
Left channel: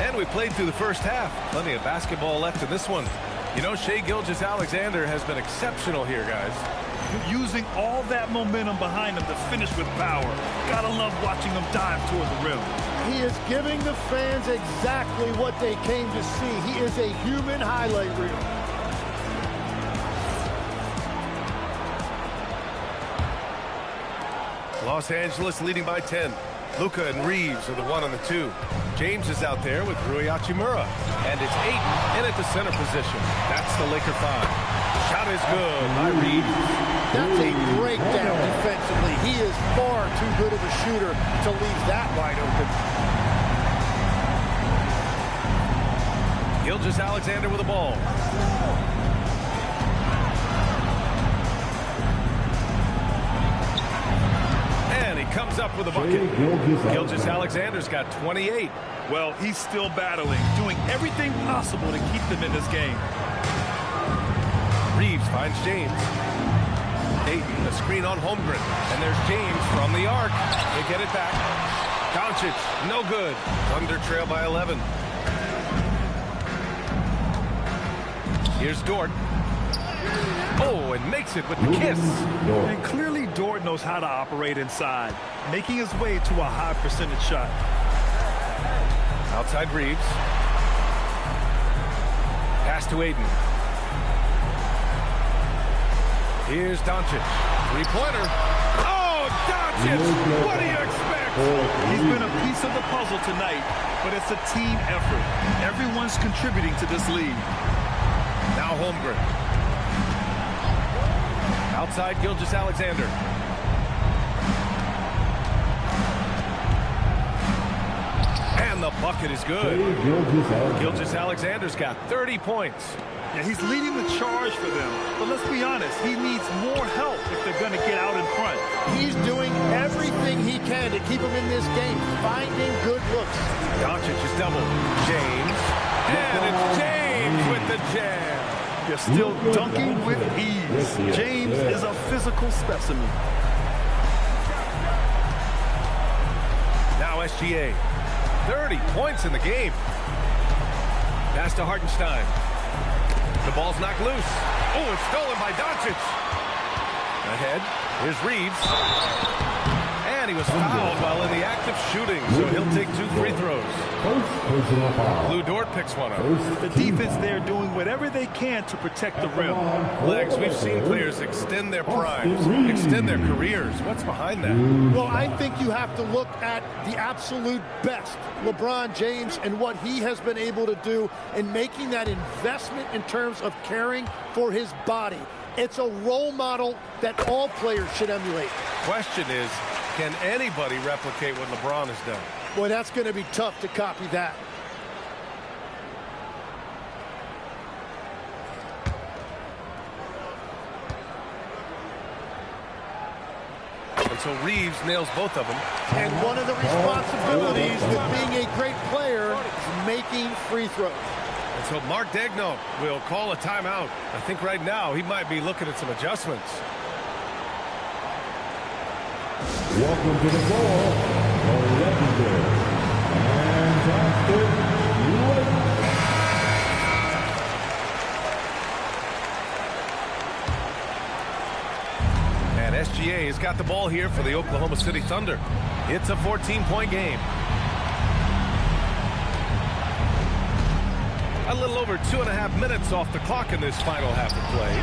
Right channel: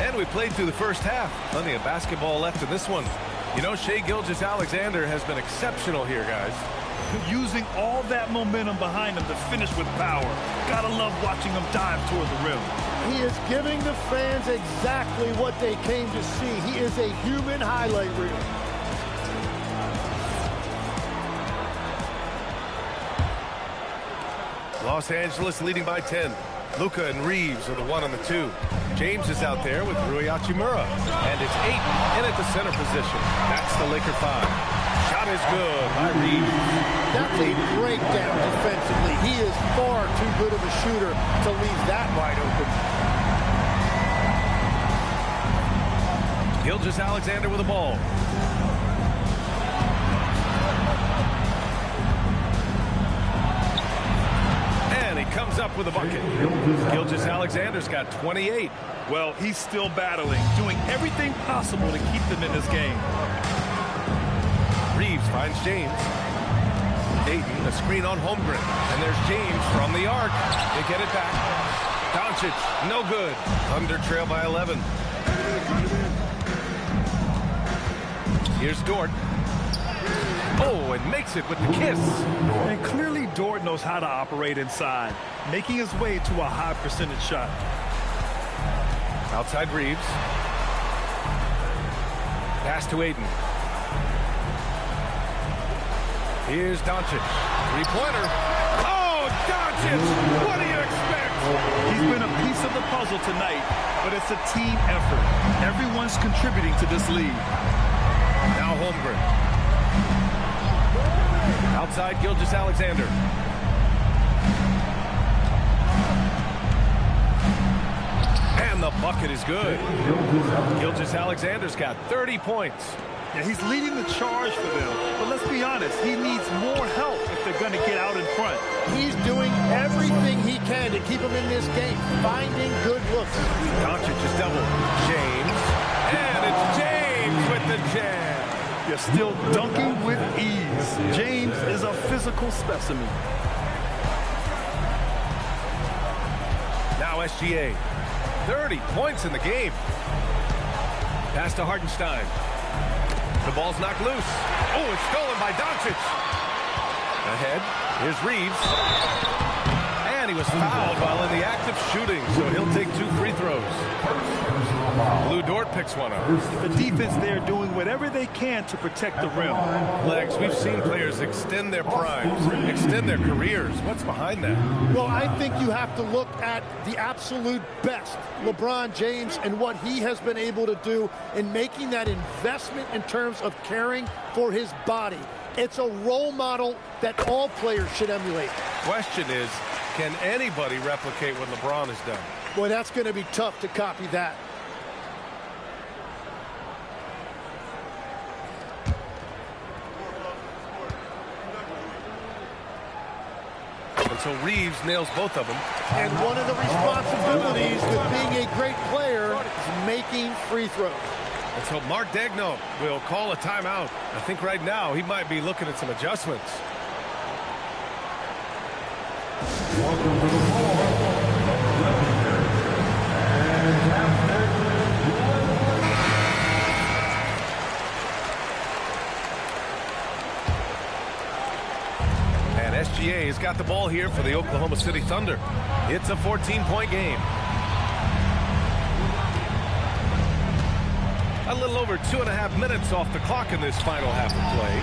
And we played through the first half. Plenty of basketball left in this one. You know, Shai Gilgeous-Alexander has been exceptional here, guys. Using all that momentum behind him to finish with power. Gotta love watching him dive toward the rim. He is giving the fans exactly what they came to see. He is a human highlight reel. Los Angeles leading by 10. Luka and Reeves are the 1 and the 2. James is out there with Rui Hachimura. And it's 8 in at the center position. That's the Laker 5. Shot is good by Reeves. That's a breakdown defensively. He is far too good of a shooter to leave that wide open. Gilgeous-Alexander with the ball. And he comes up with a bucket. Gilgeous-Alexander's got 28. Well, he's still battling, doing everything possible to keep them in this game. Reeves finds James. Ayton, a screen on Holmgren. And there's James from the arc. They get it back. Doncic, no good. Thunder trail by 11. Here's Dort. Oh, and makes it with the kiss. And clearly Dort knows how to operate inside, making his way to a high percentage shot. Outside Reeves. Pass to Ayton. Here's Doncic. Three-pointer. Oh, Doncic! What do you expect? He's been a piece of the puzzle tonight, but it's a team effort. Everyone's contributing to this lead. Now Holmgren. Outside Gilgeous-Alexander. And the bucket is good. Gilgeous-Alexander's got 30 points. Yeah, he's leading the charge for them. But let's be honest, he needs more help if they're going to get out in front. He's doing everything he can to keep him in this game, finding good looks. Doncic is doubled. James. And it's James with the jam. You're still dunking with ease. James is a physical specimen. Now SGA. 30 points in the game. Pass to Hartenstein. The ball's knocked loose. Oh, it's stolen by Doncic. Ahead. Here's Reeves. And he was fouled while in the act of shooting, so he'll take 2 free throws. Lou Dort picks one up. The defense there doing whatever they can to protect the rim. Legs, we've seen players extend their primes, extend their careers. What's behind that? Well, I think you have to look at the absolute best, LeBron James, and what he has been able to do in making that investment in terms of caring for his body. It's a role model that all players should emulate. Question is, can anybody replicate what LeBron has done? Boy, that's going to be tough to copy that. And so Reeves nails both of them. And one of the responsibilities with being a great player is making free throws. And so Mark Daigneault will call a timeout. I think right now he might be looking at some adjustments. Welcome to the ball, the legendary fantastic And SGA has got the ball here for the Oklahoma City Thunder. It's a 14-point game. A little over 2.5 minutes off the clock in this final half of play.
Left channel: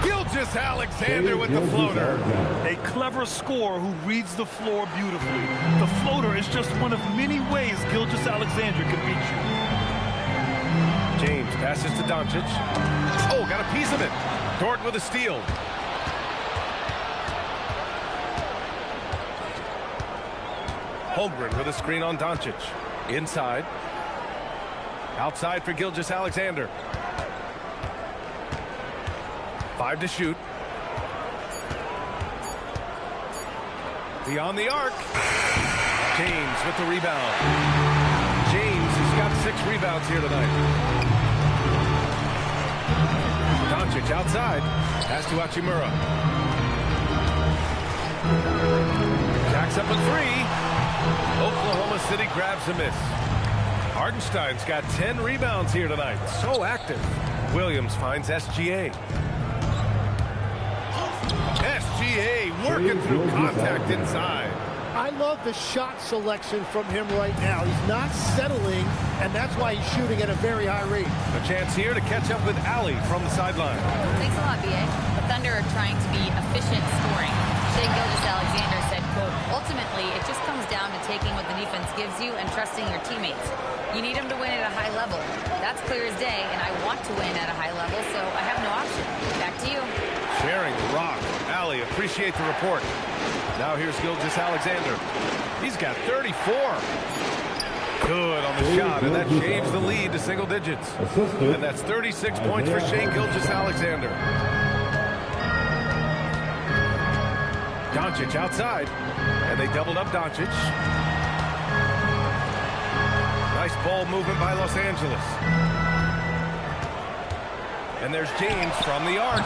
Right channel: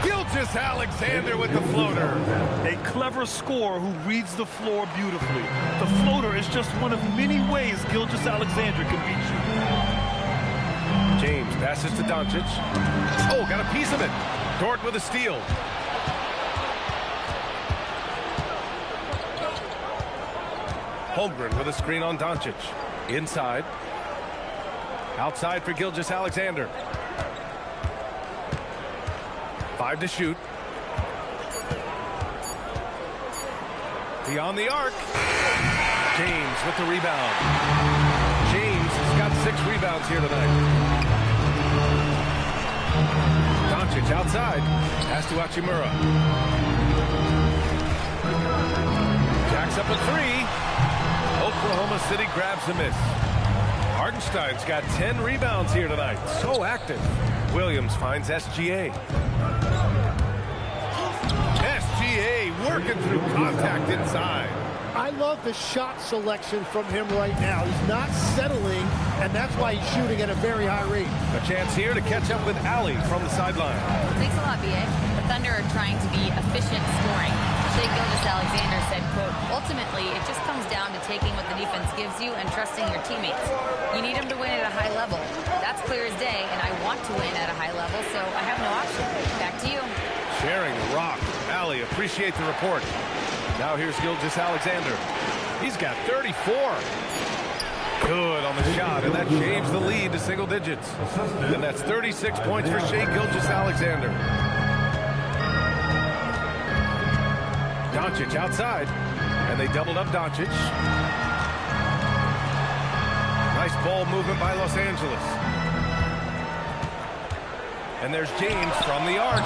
Gilgeous-Alexander with the floater. A clever scorer who reads the floor beautifully. The floater is just one of many ways Gilgeous-Alexander can beat you. James passes to Doncic. Oh, got a piece of it. Dort with a steal. Holmgren with a screen on Doncic. Inside. Outside for Gilgeous-Alexander. 5 to shoot. Beyond the arc. James with the rebound. James has got 6 rebounds here tonight. Doncic outside. Pass to Hachimura. Jacks up a 3. Oklahoma City grabs a miss. Hartenstein's got 10 rebounds here tonight. So active. Williams finds SGA. SGA working through contact inside. I love the shot selection from him right now. He's not settling, and that's why he's shooting at a very high rate. A chance here to catch up with Allie from the sideline. Thanks a lot, B.A. The Thunder are trying to be efficient scoring. Shea Gilgeous-Alexander said, quote, ultimately, it just comes down to taking what the defense gives you and trusting your teammates. You need them to win at a high level. That's clear as day, and I want to win at a high level, so I have no option. Back to you. Sharing the rock. Allie, appreciate the report. Now here's Gilgeous-Alexander. He's got 34. Good on the shot, and that shaves the lead to single digits. Assisted. And that's 36 points for Shai Gilgeous-Alexander. Doncic outside, and they doubled up Doncic. Nice ball movement by Los Angeles. And there's James from the arc.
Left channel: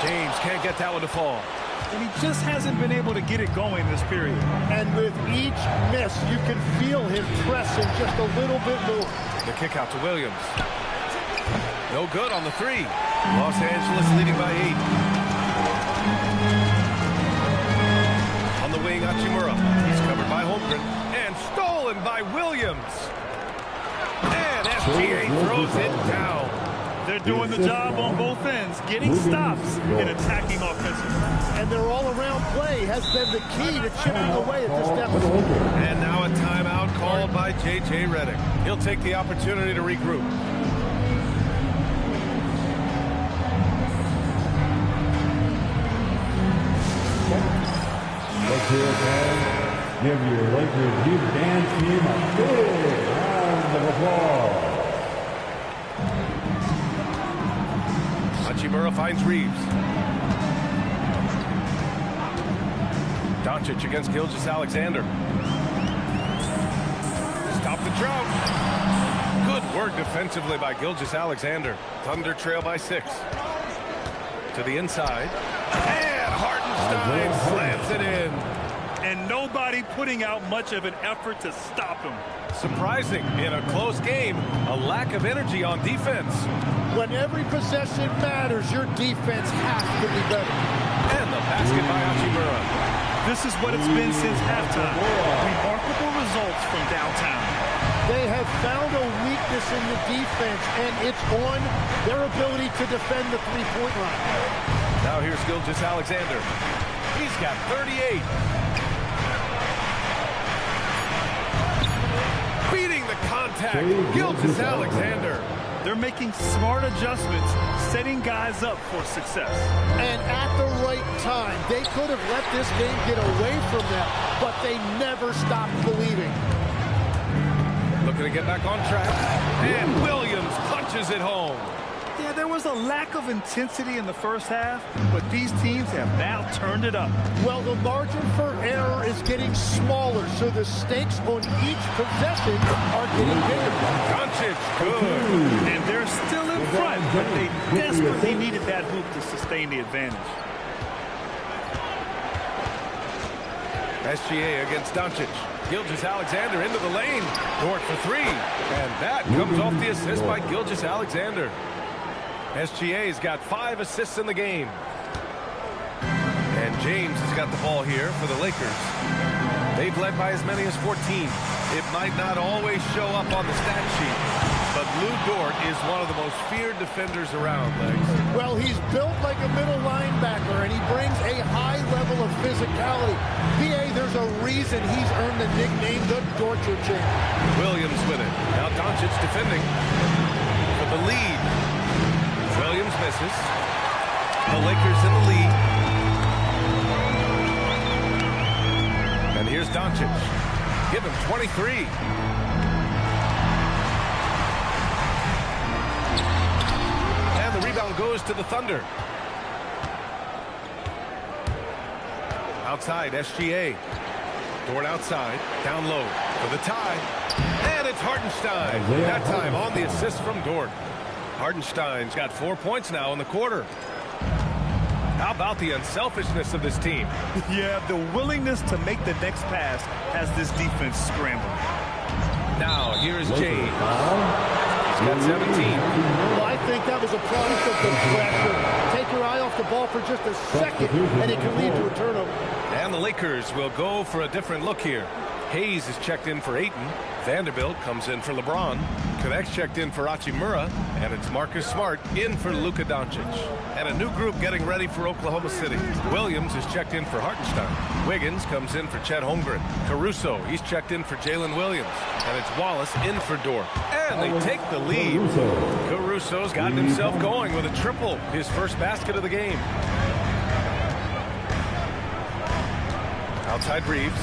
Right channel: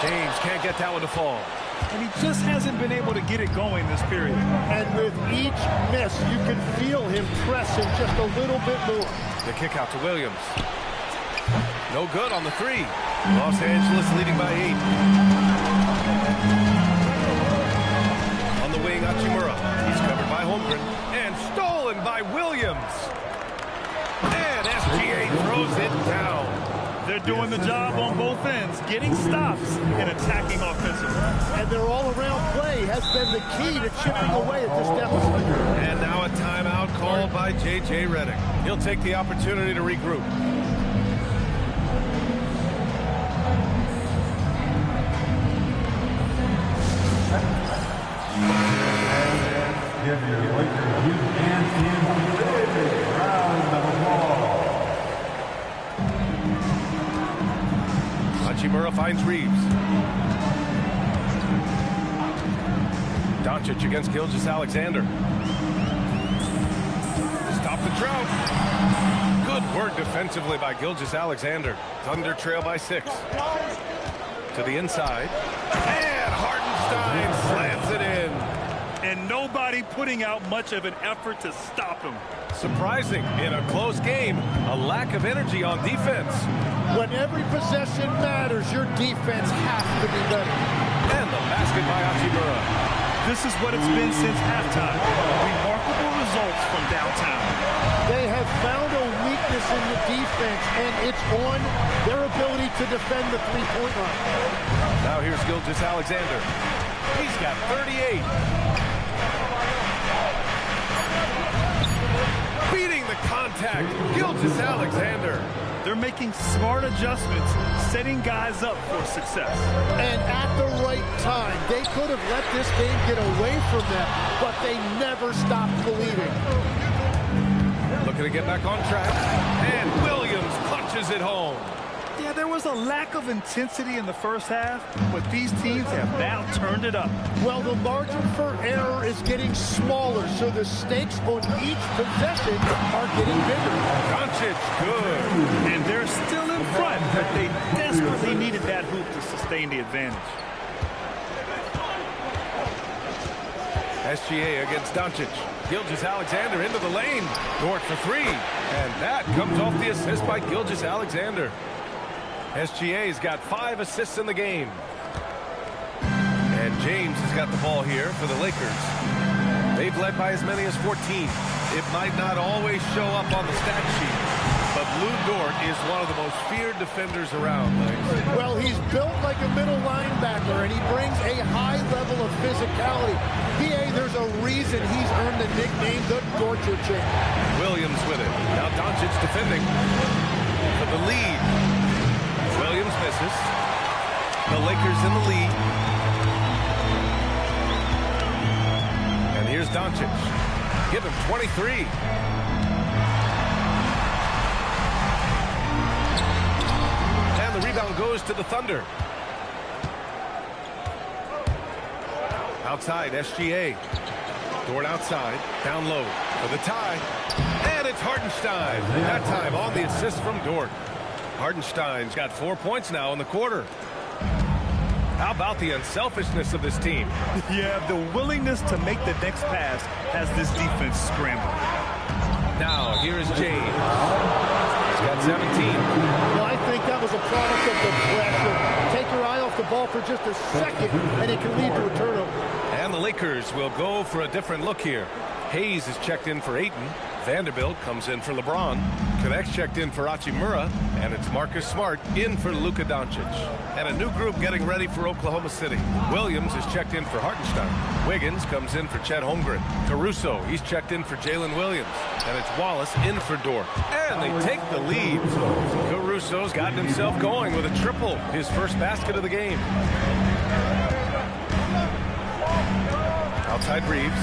James can't get that one to fall. And he just hasn't been able to get it going this period. And with each miss, you can feel him pressing just a little bit more. The kick out to Williams. No good on the three. Los Angeles leading by 8. On the wing, Hachimura. He's covered by Holmgren. And stolen by Williams. And SGA throws it down. They're doing the job on both ends, getting stops and attacking offensively. And their all-around play has been the key to chipping away at this deficit. And now a timeout called by J.J. Redick. He'll take the opportunity to regroup. Let's hear it, fans. Give your Lakers youth band team a big round of applause. Hachimura finds Reeves. Doncic against Gilgeous-Alexander. Stop the drought. Good work defensively by Gilgeous-Alexander. Thunder trail by 6. To the inside. And Hartenstein slams it in. And nobody putting out much of an effort to stop him. Surprising in a close game, a lack of energy on defense. When every possession matters, your defense has to be better. And the basket by Hachimura. This is what it's been since halftime. Remarkable results from downtown. They have found a weakness in the defense, and it's on their ability to defend the three-point line. Now here's Gilgeous-Alexander. He's got 38. Beating the contact, Gilgeous-Alexander. They're making smart adjustments, setting guys up for success. And at the right time, they could have let this game get away from them, but they never stopped believing. Looking to get back on track. And Williams punches it home. Yeah, there was a lack of intensity in the first half, but these teams have now turned it up. Well, the margin for error is getting smaller, so the stakes on each possession are getting bigger. Doncic, good. And they're still in front, but they desperately needed that hoop to sustain the advantage. SGA against Doncic. Gilgeous-Alexander into the lane. Dort for 3. And that comes off the assist by Gilgeous-Alexander. SGA's got 5 assists in the game. And James has got the ball here for the Lakers. They've led by as many as 14. It might not always show up on the stat sheet, but Lou Dort is one of the most feared defenders around, Legs. Well, he's built like a middle linebacker, and he brings a high level of physicality. PA, there's a reason he's earned the nickname the Torture Champ. Williams with it. Now Doncic defending for the lead. Williams misses. The Lakers in the lead. And here's Doncic. Give him 23. And the rebound goes to the Thunder. Outside, SGA. Dort outside, down low for the tie. And it's Hartenstein. That time on the assist from Dort. Hartenstein's got 4 points now in the quarter. How about the unselfishness of this team? Yeah, the willingness to make the next pass has this defense scrambling. Now, here is James. He's got 17. Well, I think that was a product of the pressure. Take your eye off the ball for just a second, and it can lead to a turnover. And the Lakers will go for a different look here. Hayes is checked in for Ayton. Vanderbilt comes in for LeBron. Connect's checked in for Hachimura. And it's Marcus Smart in for Luka Doncic. And a new group getting ready for Oklahoma City. Williams is checked in for Hartenstein. Wiggins comes in for Chet Holmgren. Caruso, he's checked in for Jalen Williams. And it's Wallace in for Dort. And they take the lead. Caruso's gotten himself going with a triple. His first basket of the game. Outside Reeves.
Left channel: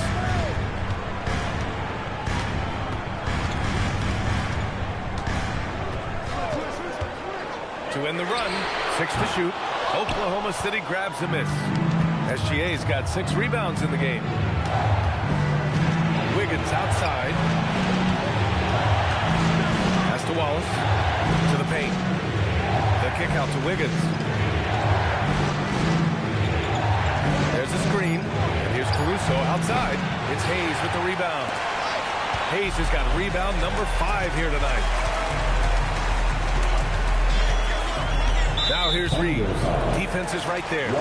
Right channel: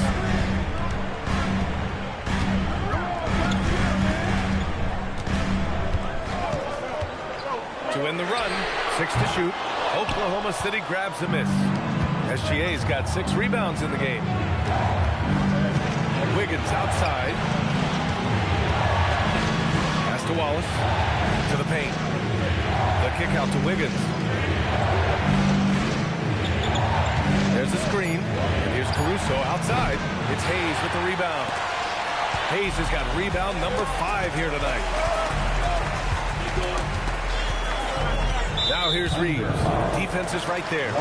To win the run, 6 to shoot. Oklahoma City grabs a miss. SGA's got 6 rebounds in the game. Wiggins outside. Pass to Wallace. To the paint. The kick out to Wiggins. There's a screen. And here's Caruso outside. It's Hayes with the rebound. Hayes has got rebound number 5 here tonight. Now here's Reeves. Defense is right there.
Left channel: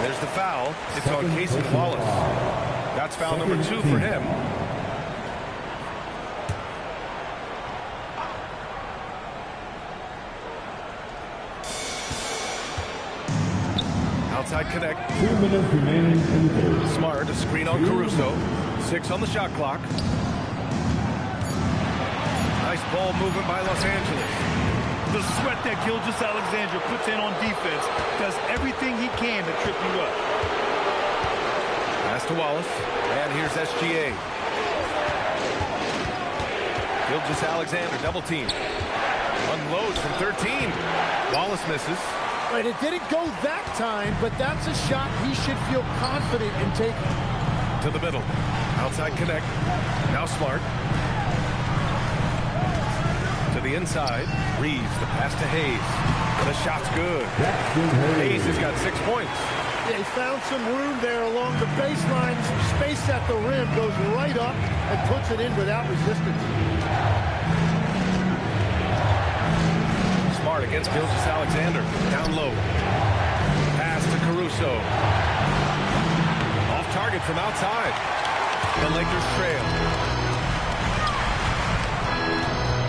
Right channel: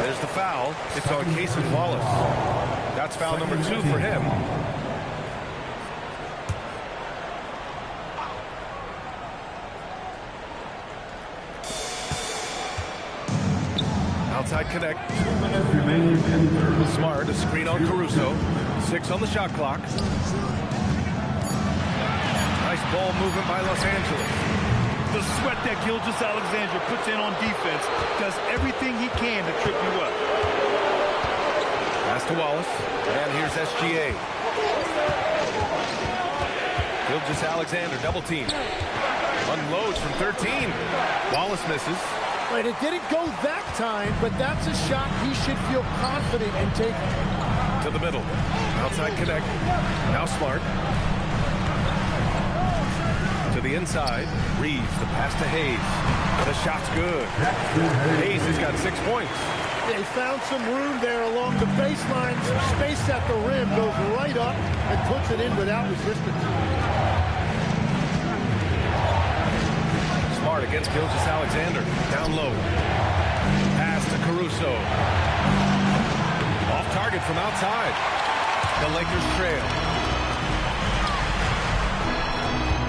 There's the foul. It's on Cason Wallace. That's foul number 2 for him. Outside connect. 2 minutes remaining in the third. Smart, a screen on Caruso. 6 on the shot clock. Nice ball movement by Los Angeles. The sweat that Gilgeous-Alexander puts in on defense does everything he can to trip you up. Pass to Wallace. And here's SGA. Gilgeous-Alexander double team. Unloads from 13. Wallace misses. Right, it didn't go that time, but that's a shot he should feel confident in taking. To the middle. Outside connect. Now Smart. To the inside. Reeves, the pass to Hayes. The shot's good. Hayes has got 6 points. Yeah, he found some room there along the baseline. Space at the rim, goes right up and puts it in without resistance. Smart against Gilgeous-Alexander. Down low. Pass to Caruso. Off target from outside. The Lakers trail.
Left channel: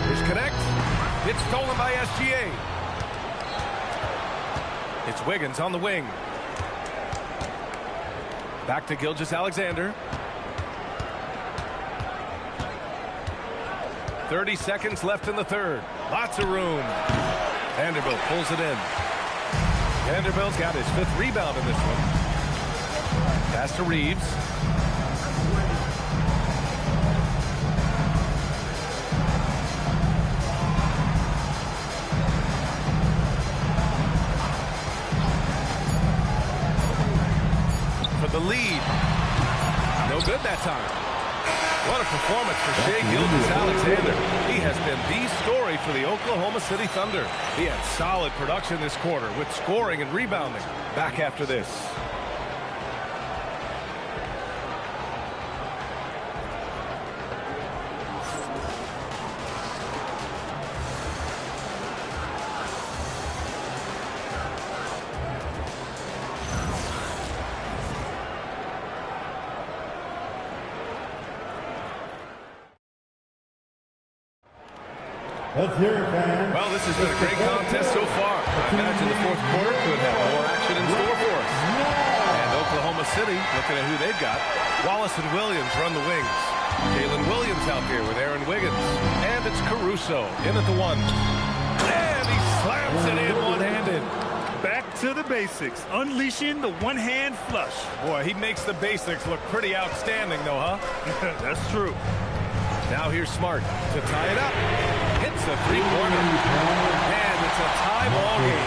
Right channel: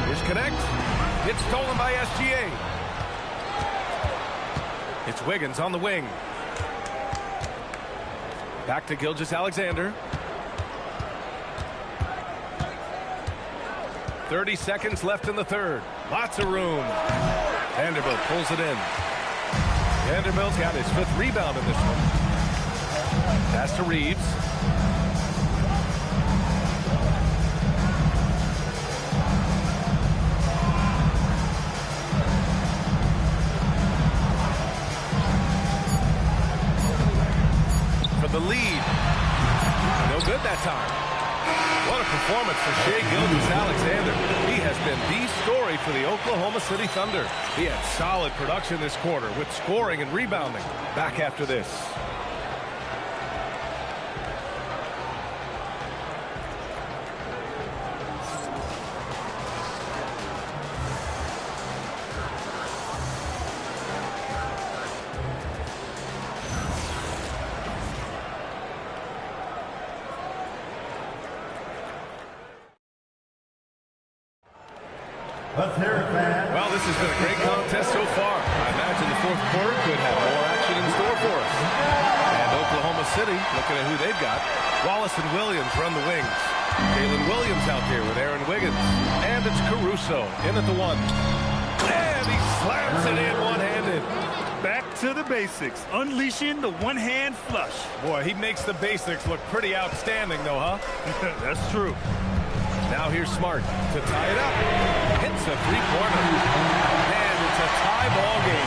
Here's connect. It's stolen by SGA. It's Wiggins on the wing. Back to Gilgeous-Alexander. 30 seconds left in the third. Lots of room. Vanderbilt pulls it in. Vanderbilt's got his 5th rebound in this one. Pass to Reeves. For the lead. No good that time. What a performance for Shai Gilgeous-Alexander. He has been the story for the Oklahoma City Thunder. He had solid production this quarter with scoring and rebounding. Back after this. Let's hear it, fans. Well, this has been a great contest so far. I imagine the 4th quarter could have more action in store for us. And Oklahoma City, looking at who they've got. Wallace and Williams run the wings. Jalen Williams out there with Aaron Wiggins. And it's Caruso in at the 1. And he slams it in one-handed. Back to the basics, unleashing the one-hand flush. Boy, he makes the basics look pretty outstanding, though, huh? That's true. Now here's Smart to tie it up. Hits a 3-pointer. And it's a tie ball game.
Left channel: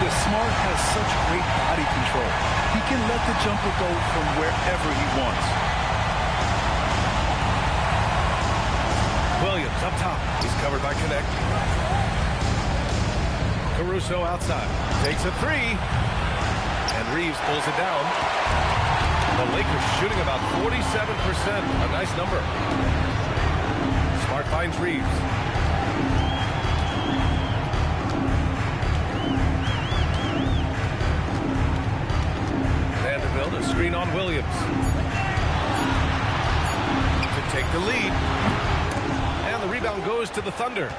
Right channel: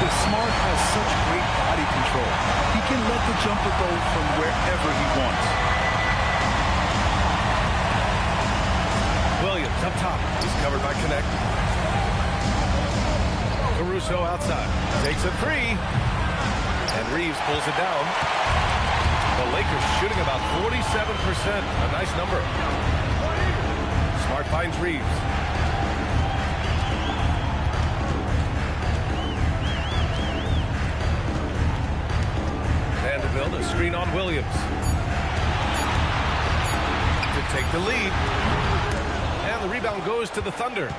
The Smart has such great body control. He can let the jumper go from wherever he wants. Williams up top. He's covered by Connect. Caruso outside. Takes a 3. And Reeves pulls it down. The Lakers shooting about 47%. A nice number. Smart finds Reeves. Vanderbilt, a screen on Williams. To take the lead. And the rebound goes to the Thunder.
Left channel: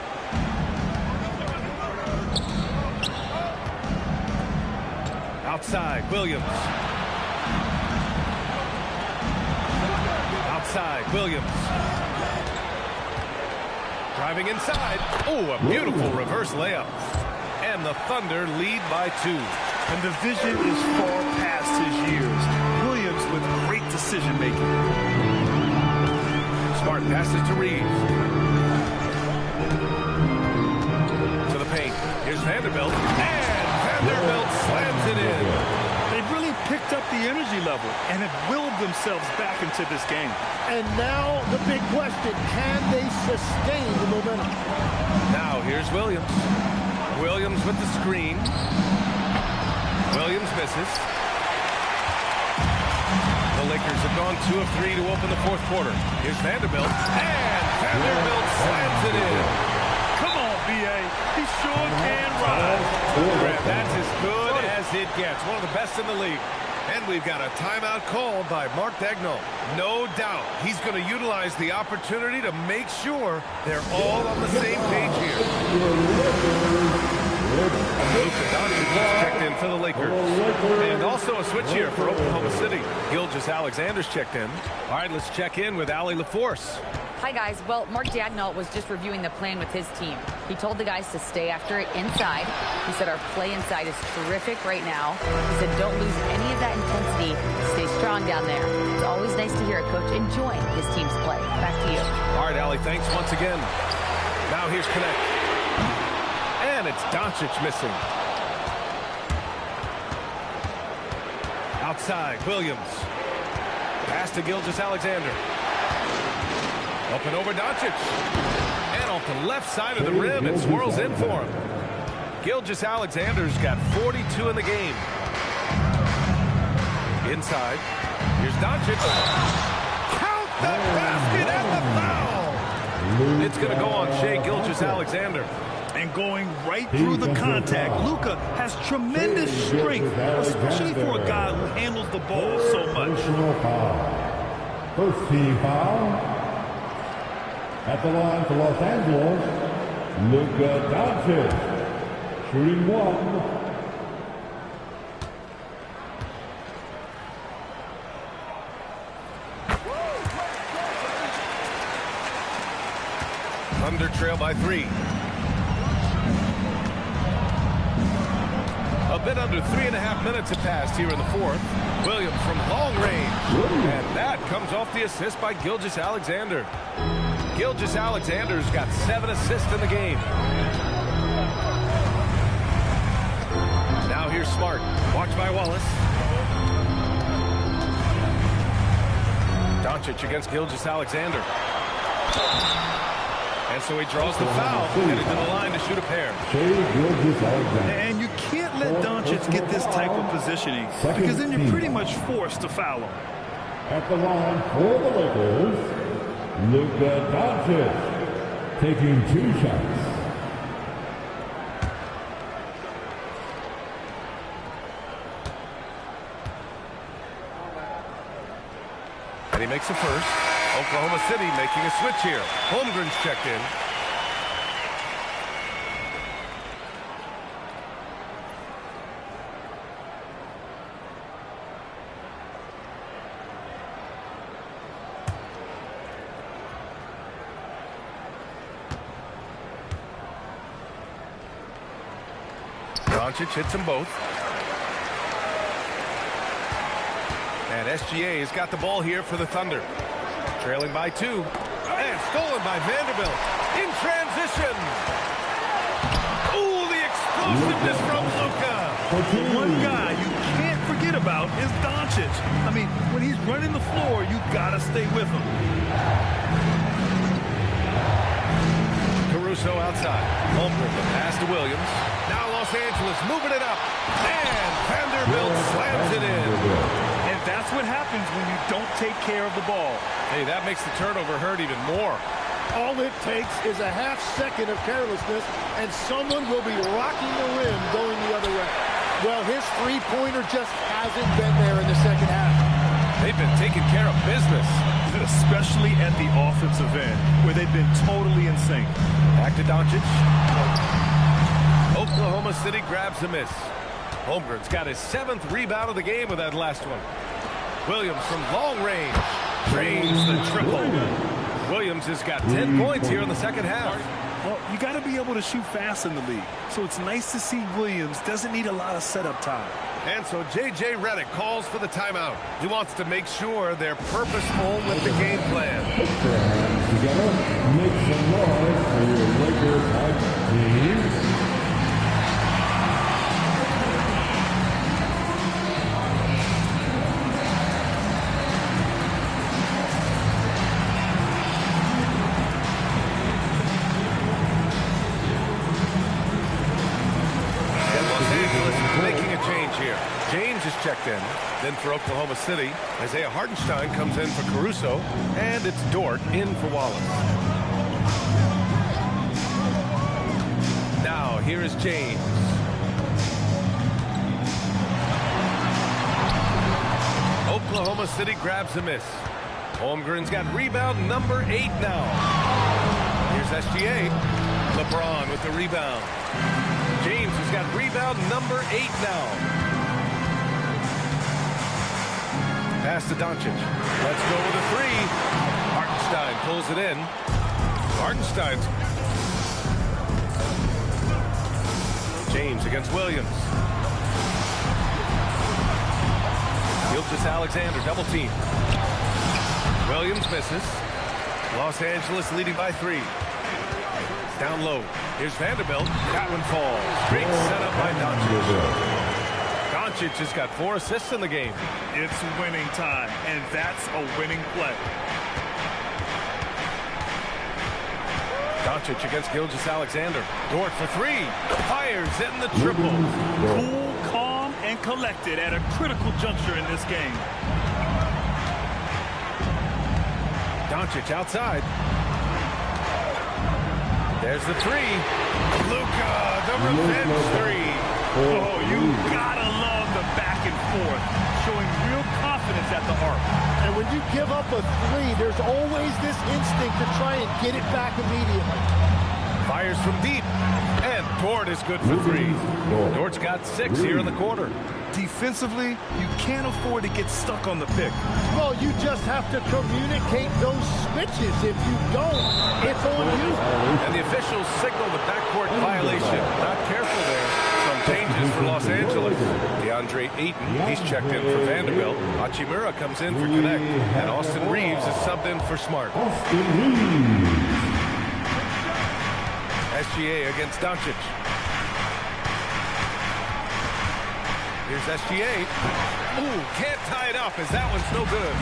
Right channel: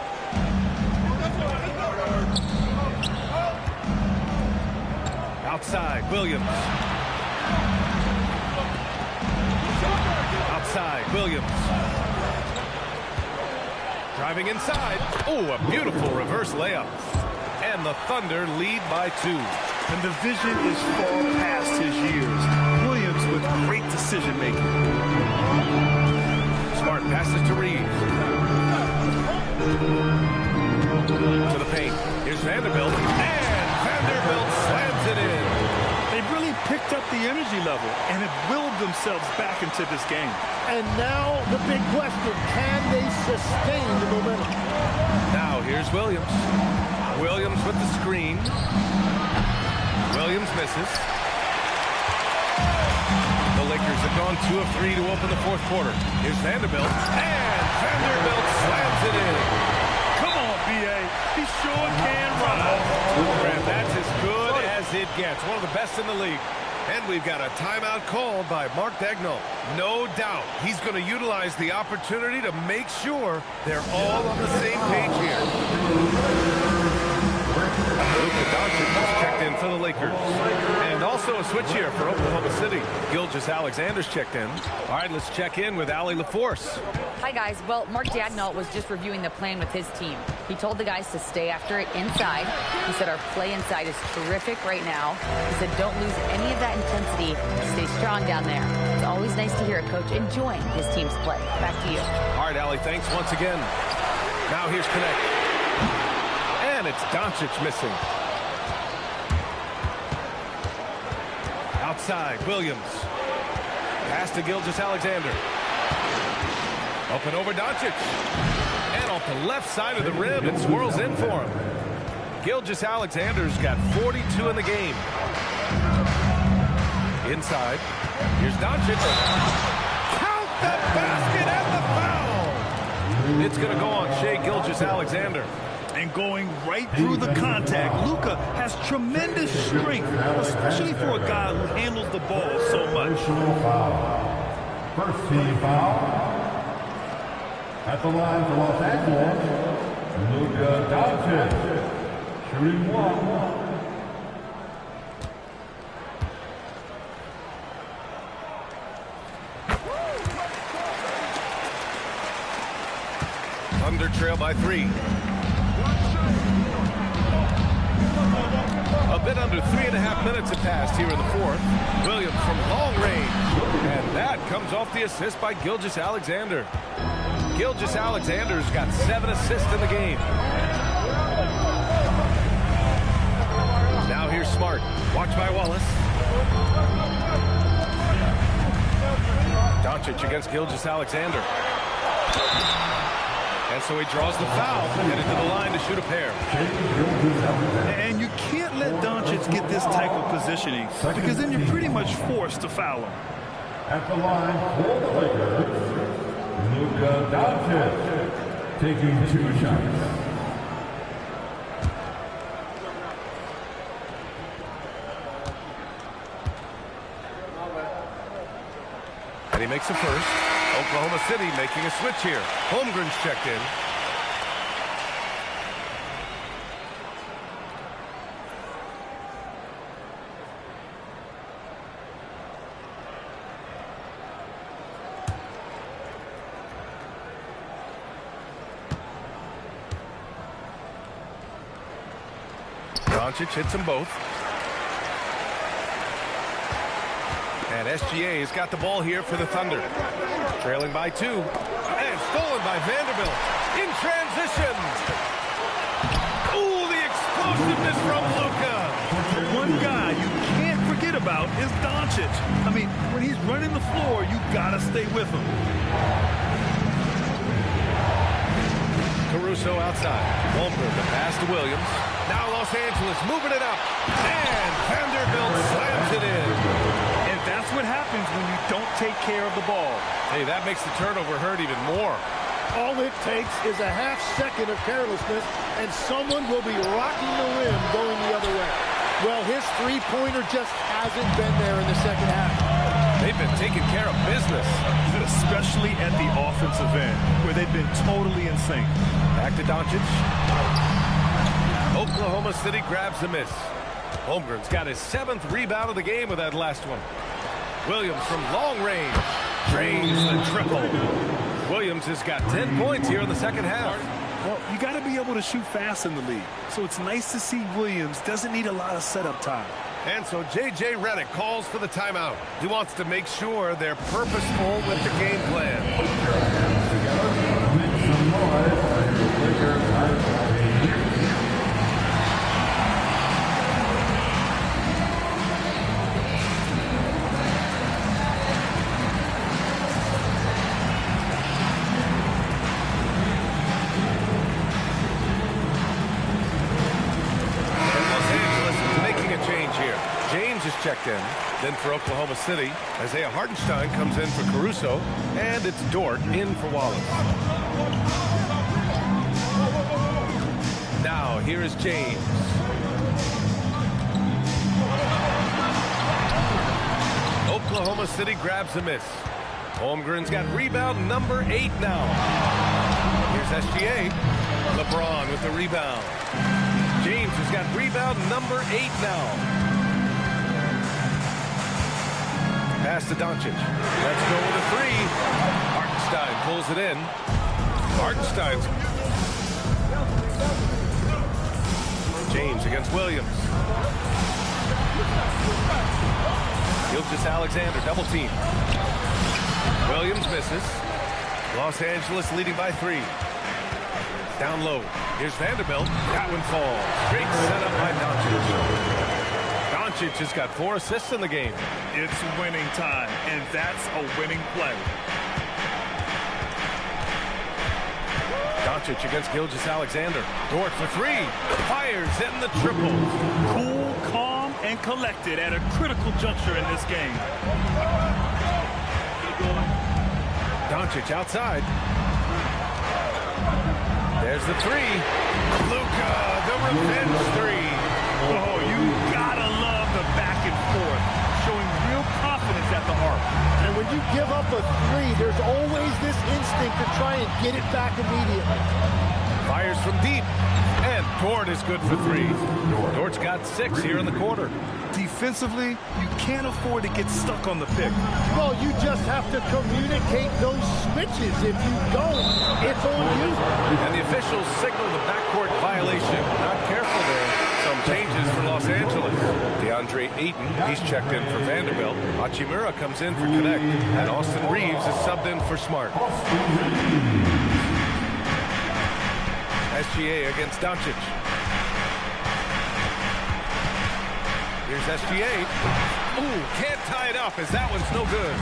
Outside, Williams. Outside, Williams. Driving inside. Oh, a beautiful reverse layup. And the Thunder lead by 2. And the vision is far past his years. Williams with great decision-making. Smart passes to Reeves. To the paint. Here's Vanderbilt. And Vanderbilt slams it in. They've really picked up the energy level and have willed themselves back into this game. And now the big question, can they sustain the momentum? Now here's Williams. Williams with the screen. Williams misses. The Lakers have gone 2 of 3 to open the fourth quarter. Here's Vanderbilt. And Vanderbilt slams it in. Come on, B.A. He sure can ride. That's as good as it gets. One of the best in the league. And we've got a timeout called by Mark Daigneault. No doubt he's going to utilize the opportunity to make sure they're all on the same page here. Luka Doncic has checked in for the Lakers. And also a switch here for Oklahoma City. Gilgeous-Alexander's checked in. All right, let's check in with Allie LaForce. Hi, guys. Well, Mark Daigneault was just reviewing the plan with his team. He told the guys to stay after it inside. He said our play inside is terrific right now. He said don't lose any of that intensity. Stay strong down there. It's always nice to hear a coach enjoying his team's play. Back to you. All right, Allie, thanks once again. Now here's Connect. And it's Doncic missing. Outside, Williams. Pass to Gilgeous-Alexander. Up and over Doncic. And off the left side of the rim, it swirls in for him. Gilgeous-Alexander's got 42 in the game. Inside, here's Doncic. Count the basket and the foul! It's going to go on Shai Gilgeous-Alexander. And going right through the contact, Luka has tremendous strength, especially for a guy who handles the ball so much. First team foul. At the line for Los Angeles, Luka Doncic, shooting 1. Thunder trail by 3. A bit under 3.5 minutes have passed here in the fourth. Williams from long range. And that comes off the assist by Gilgeous-Alexander. Gilgeous-Alexander's got 7 assists in the game. Now here's Smart. Watch by Wallace. Doncic against Gilgeous-Alexander. And so he draws the foul, headed to the line to shoot a pair. And you can't let Doncic get this type of positioning because then you're pretty much forced to foul him. At the line for the Lakers, Luka Doncic taking 2 shots. And he makes a first. Oklahoma City making a switch here. Holmgren's checked in. Doncic hits them both. And SGA has got the ball here for the Thunder. Trailing by 2. And stolen by Vanderbilt. In transition. Ooh, the explosiveness from Luka. The one guy you can't forget about is Doncic. I mean, when he's running the floor, you gotta stay with him. Caruso outside. Holmgren, the pass to Williams. Now Los Angeles moving it up. And Vanderbilt slams it in. And that's what happens when you don't take care of the ball. Hey, that makes the turnover hurt even more. All it takes is a half second of carelessness, and someone will be rocking the rim going the other way. Well, his three-pointer just hasn't been there in the second half. They've been taking care of business. Especially at the offensive end, where they've been totally in sync. Back to Doncic. Oklahoma City grabs the miss. Holmgren's got his 7th rebound of the game with that last one. Williams from long range drains the triple. Williams has got 10 points here in the second half. Well, you got to be able to shoot fast in the league. So it's nice to see Williams doesn't need a lot of setup time. And so J.J. Redick calls for the timeout. He wants to make sure they're purposeful with the game plan. Together, some noise for your Lakers hype team. Making a change here. James is checked in. Then for Oklahoma City, Isaiah Hartenstein comes in for Caruso. And it's Dort in for Wallace. Now, here is James. Oklahoma City grabs a miss. Holmgren's got rebound number 8 now. Here's SGA. LeBron with the rebound. James has got rebound number 8 now. Pass to Doncic. Let's go with a 3. Hartenstein pulls it in. Hartenstein's. James against Williams. Gilgeous-Alexander double team. Williams misses. Los Angeles leading by 3. Down low. Here's Vanderbilt. That one falls. Great setup by Doncic. Doncic has got 4 assists in the game. It's winning time, and that's a winning play. Doncic against Gilgeous-Alexander. Dort for 3. Fires in the triple. Cool, calm, and collected at a critical juncture in this game. Doncic outside. There's the 3. Luka, the revenge 3. Oh, you gotta love the back and forth, showing real confidence at the arc. And when you give up a 3, there's always this instinct to try and get it back immediately. Fires from deep. And Dort is good for 3. Dort's got 6 here in the quarter. Defensively, you can't afford to get stuck on the pick. Well, you just have to communicate those switches. If you don't, it's on you. And the officials signal the backcourt violation. Not careful there. Some changes for Los Angeles. DeAndre Ayton, he's checked in for Vanderbilt. Hachimura comes in for Connect. And Austin Reeves is subbed in for Smart. SGA against Doncic. Here's SGA. Ooh, can't tie it up as that one's no good.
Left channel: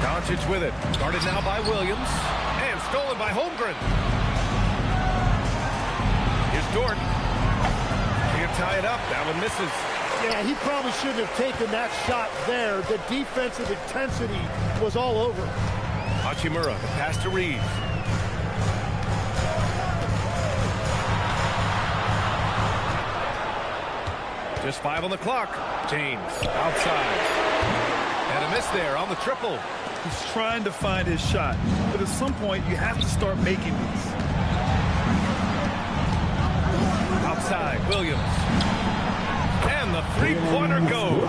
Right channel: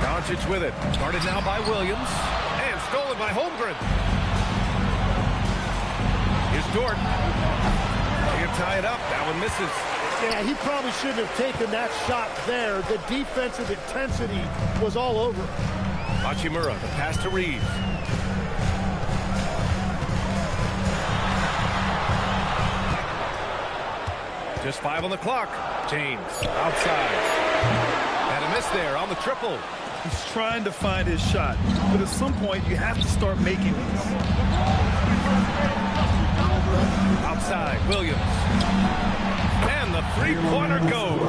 Doncic with it. Guarded now by Williams. And stolen by Holmgren. Here's Dort. Can't tie it up. That one misses. Yeah, he probably shouldn't have taken that shot there. The defensive intensity was all over. Hachimura, the pass to Reeves. Just 5 on the clock. James outside. And a miss there on the triple. He's trying to find his shot, but at some point you have to start making these. Outside, Williams. And the three-pointer goes.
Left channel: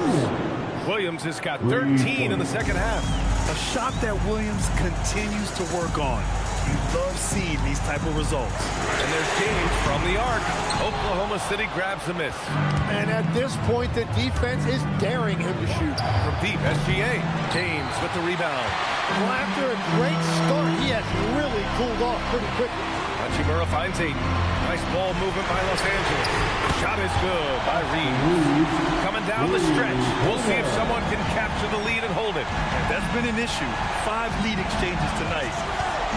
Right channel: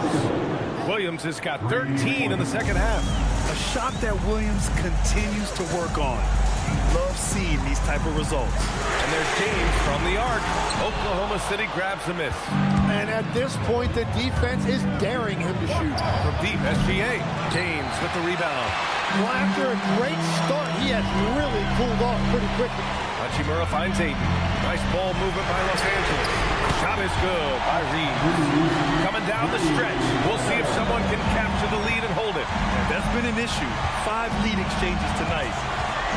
Williams has got 13 in the second half. A shot that Williams continues to work on. You love seeing these type of results. And there's James from the arc. Oklahoma City grabs a miss. And at this point, the defense is daring him to shoot. From deep, SGA. James with the rebound. Well, after a great start, he has really cooled off pretty quickly. Hachimura finds Ayton. Nice ball movement by Los Angeles. Shot is good by Reeves. Coming down the stretch. We'll see if someone can capture the lead and hold it. And that's been an issue. 5 lead exchanges tonight.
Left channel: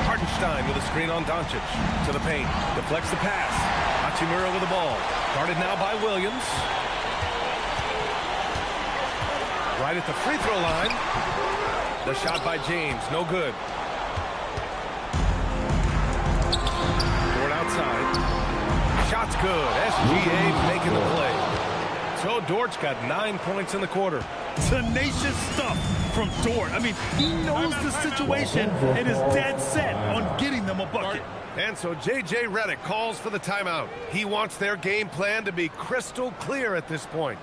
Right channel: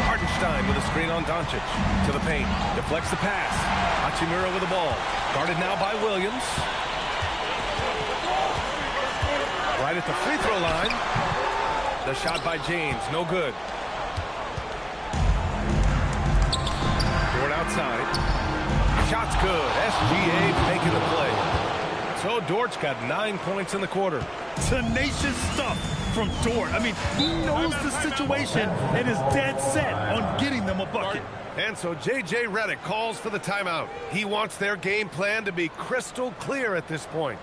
Hartenstein with a screen on Doncic. To the paint. Deflects the pass. Hachimura with the ball. Guarded now by Williams. Right at the free throw line. The shot by James. No good. Dort outside. Shot's good. SGA making the play. So Dort's got 9 points in the quarter. Tenacious stuff from Dort. I mean, he knows the situation and is dead set on getting them a bucket. And so J.J. Redick calls for the timeout. He wants their game plan to be crystal clear at this point.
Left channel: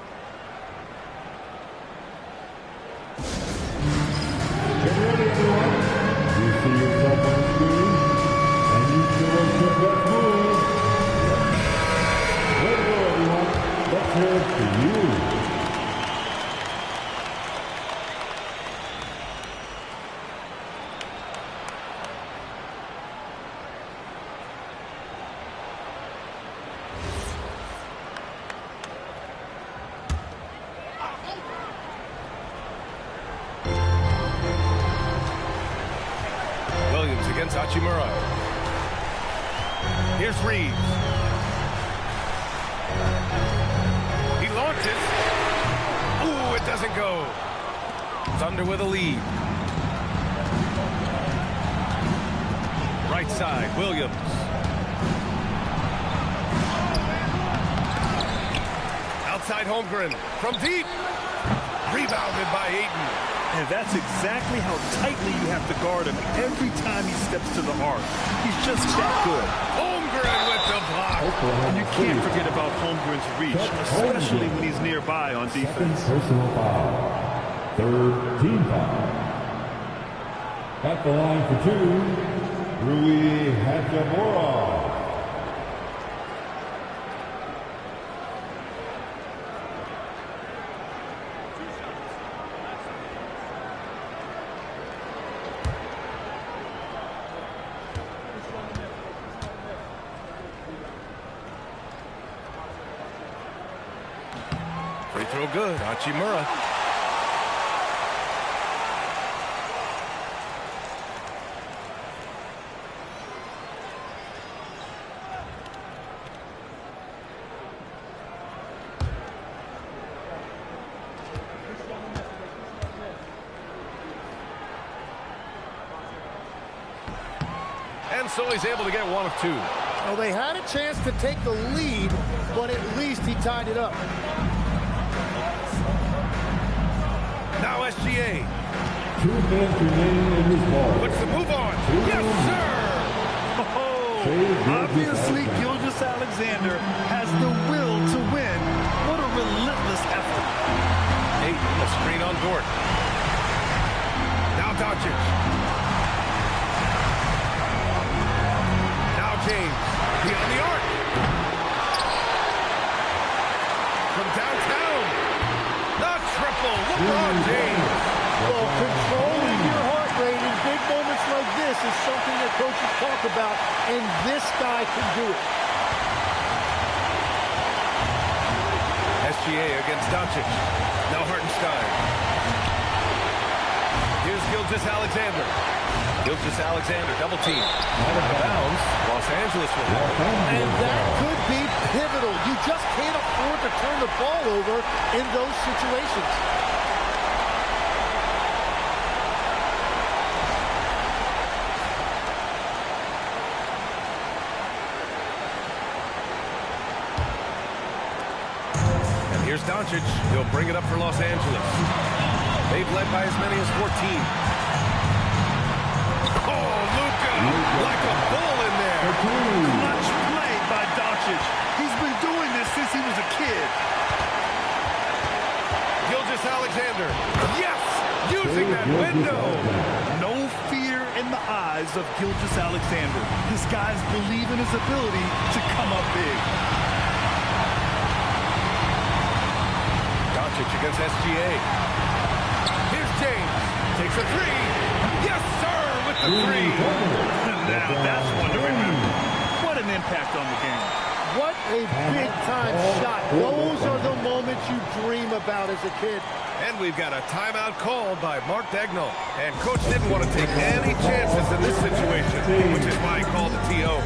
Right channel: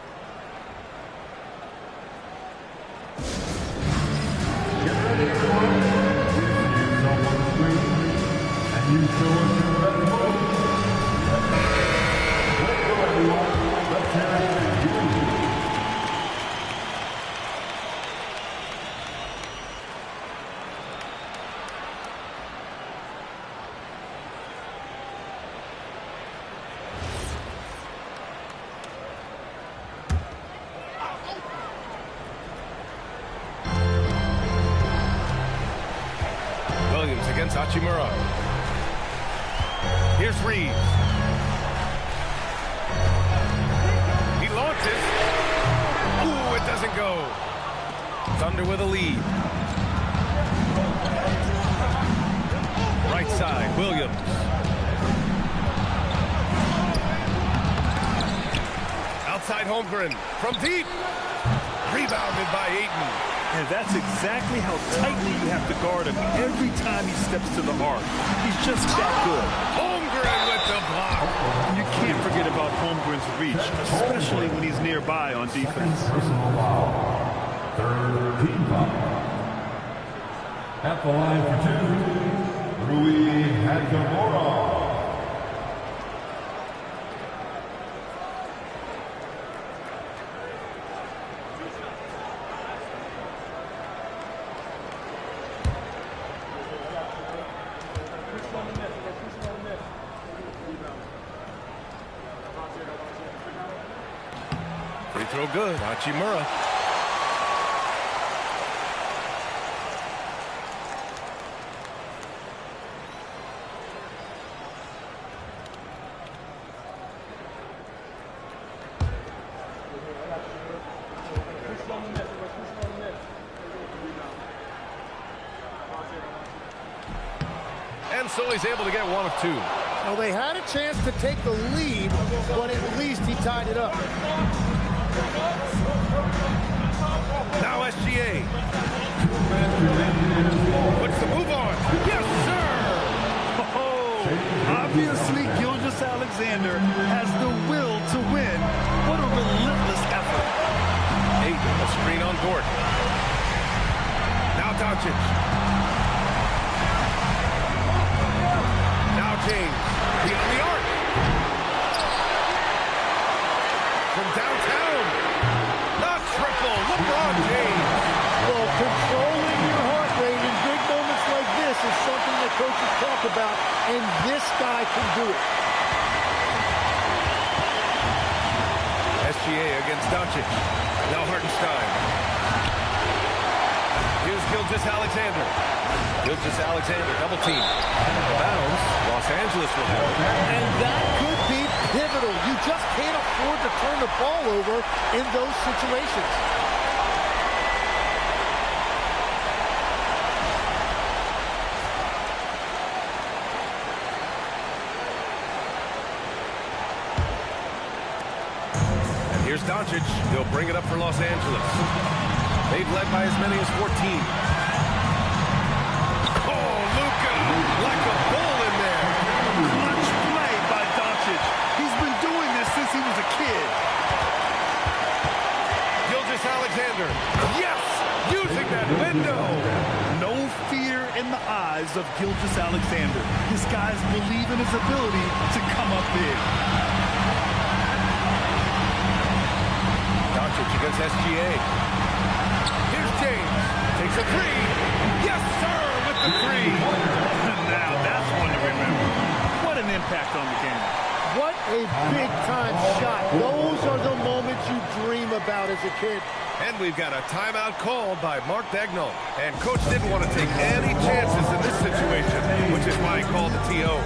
Get ready, everyone. You see someone shoot, and you show us your best move. Let's go, everyone. Let's hear it for you. Williams against Hachimura. Here's Reeves. He launches. Ooh, it doesn't go. Thunder with a lead. Right side, Williams. Outside Holmgren from deep. Rebounded by Ayton. And that's exactly how tightly you have to guard him every time he steps to the arc. He's just that good. Holmgren with the block. And you can't forget about Holmgren's reach, especially when he's nearby on defense. Personal foul. Third team foul. At the line for two, Rui Hachimura. Free throw good, Hachimura. And so he's able to get one of two. Well, they had a chance to take the lead, but at least he tied it up. Now SGA. 2 minutes remaining in this ball. Puts the move on. Yes, sir! Oh, obviously Gilgeous-Alexander has the will to win. What a relentless effort. Ayton, the screen on Dort. Now Doncic. Now James. Beyond the arc. From downtown. The triple. LeBron James. Well, controlling your heart rate in big moments like this is something that coaches talk about, and this guy can do it. SGA against Doncic. Now Hartenstein. Here's Gilgeous-Alexander. Gilgeous-Alexander double team. And out of bounds. Los Angeles will have it. And that could be pivotal. You just can't afford to turn the ball over in those situations. And here's Doncic. He'll bring it up for Los Angeles. They've led by as many as 14. Oh, Luka, like a bull in there. Clutch play by Doncic. He's been doing this since he was a kid. Gilgeous-Alexander, yes, using that window. No fear in the eyes of Gilgeous-Alexander. This guy's believe in his ability to come up big. Doncic against SGA. Here's James. Takes a three. Yes, sir, with the three. Now that's one to remember. What an impact on the game. What a big-time shot. Those are the moments you dream about as a kid. And we've got a timeout called by Mark Dagnall. And Coach didn't want to take any chances in this situation, which is why he called the TO.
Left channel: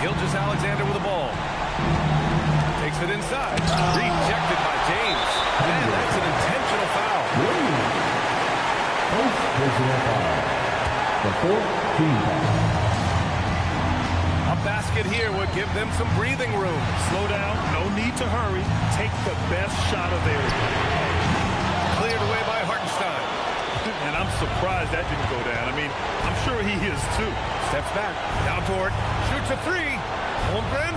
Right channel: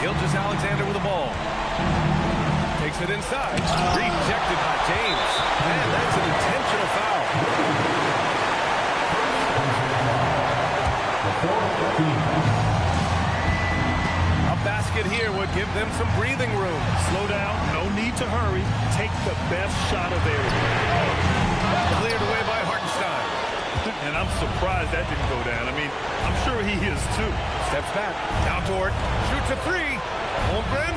Gilgeous-Alexander with the ball. Takes it inside. Rejected by James. And that's an intentional foul. The fourth team foul. A basket here would give them some breathing room. Slow down. No need to hurry. Take the best shot available. Cleared away by Hartenstein. And I'm surprised that didn't go down. I mean, I'm sure he is too. Steps back. Now Dort. Shoots a three. Holmgren.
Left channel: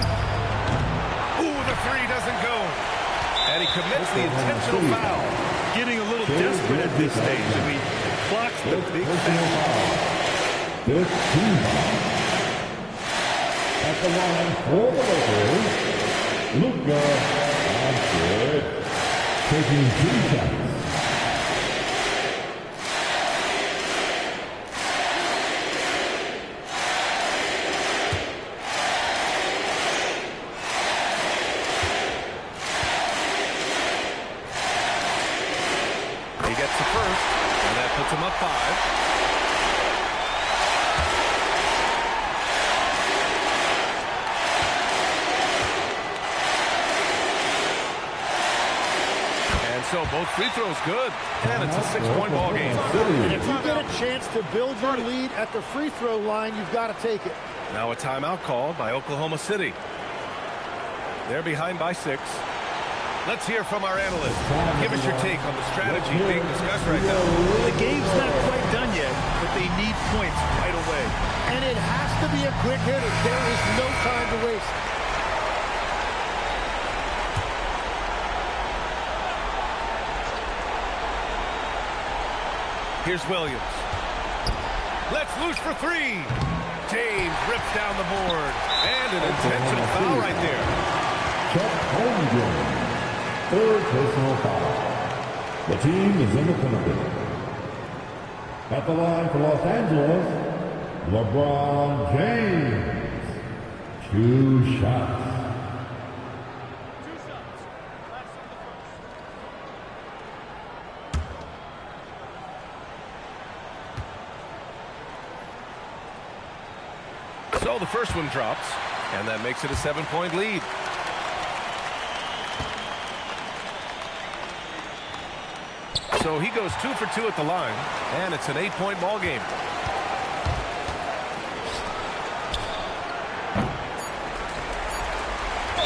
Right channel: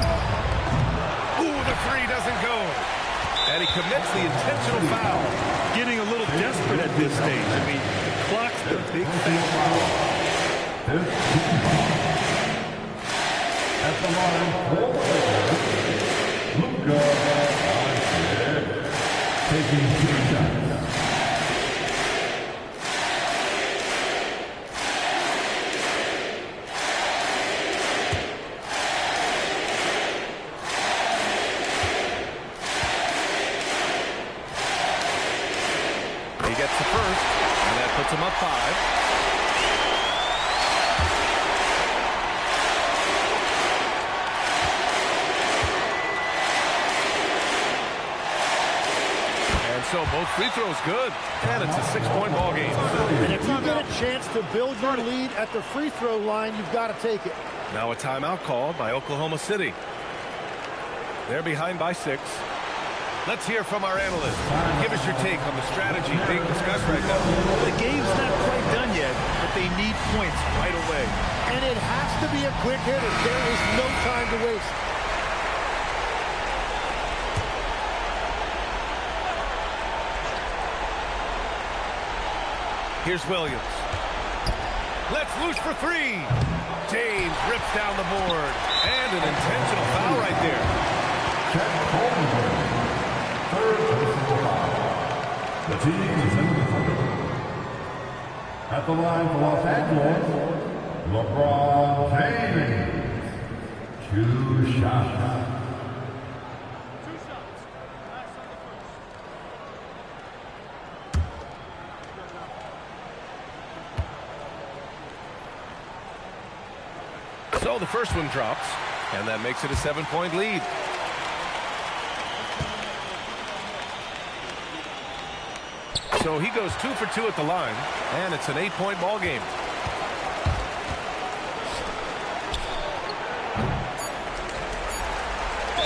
Ooh, the three doesn't go. And he commits the intentional foul. Getting a little desperate at this stage. I mean, the clock's the big factor. 15 foul. At the line for the Lakers, Luka Doncic taking 2 shots. He gets the first, and that puts him up 5. And so both free throws good, and it's a 6-point ball game. And if you get a chance to build your lead at the free throw line, you've got to take it. Now a timeout called by Oklahoma City. They're behind by 6. Let's hear from our analyst. Give us your take on the strategy being discussed right now. The game's not quite done yet, but they need points right away. And it has to be a quick hitter. There is no time to waste. Here's Williams. Let's loose for 3. James rips down the board. And an intentional foul right there. Chet Holmgren. 3rd personal foul. The team is in the penalty. At the line for Los Angeles, LeBron James. 2 shots. 2 shots. Last on the first. So the first one drops, and that makes it a 7-point lead. So he goes 2 for 2 at the line, and it's an 8-point ball game.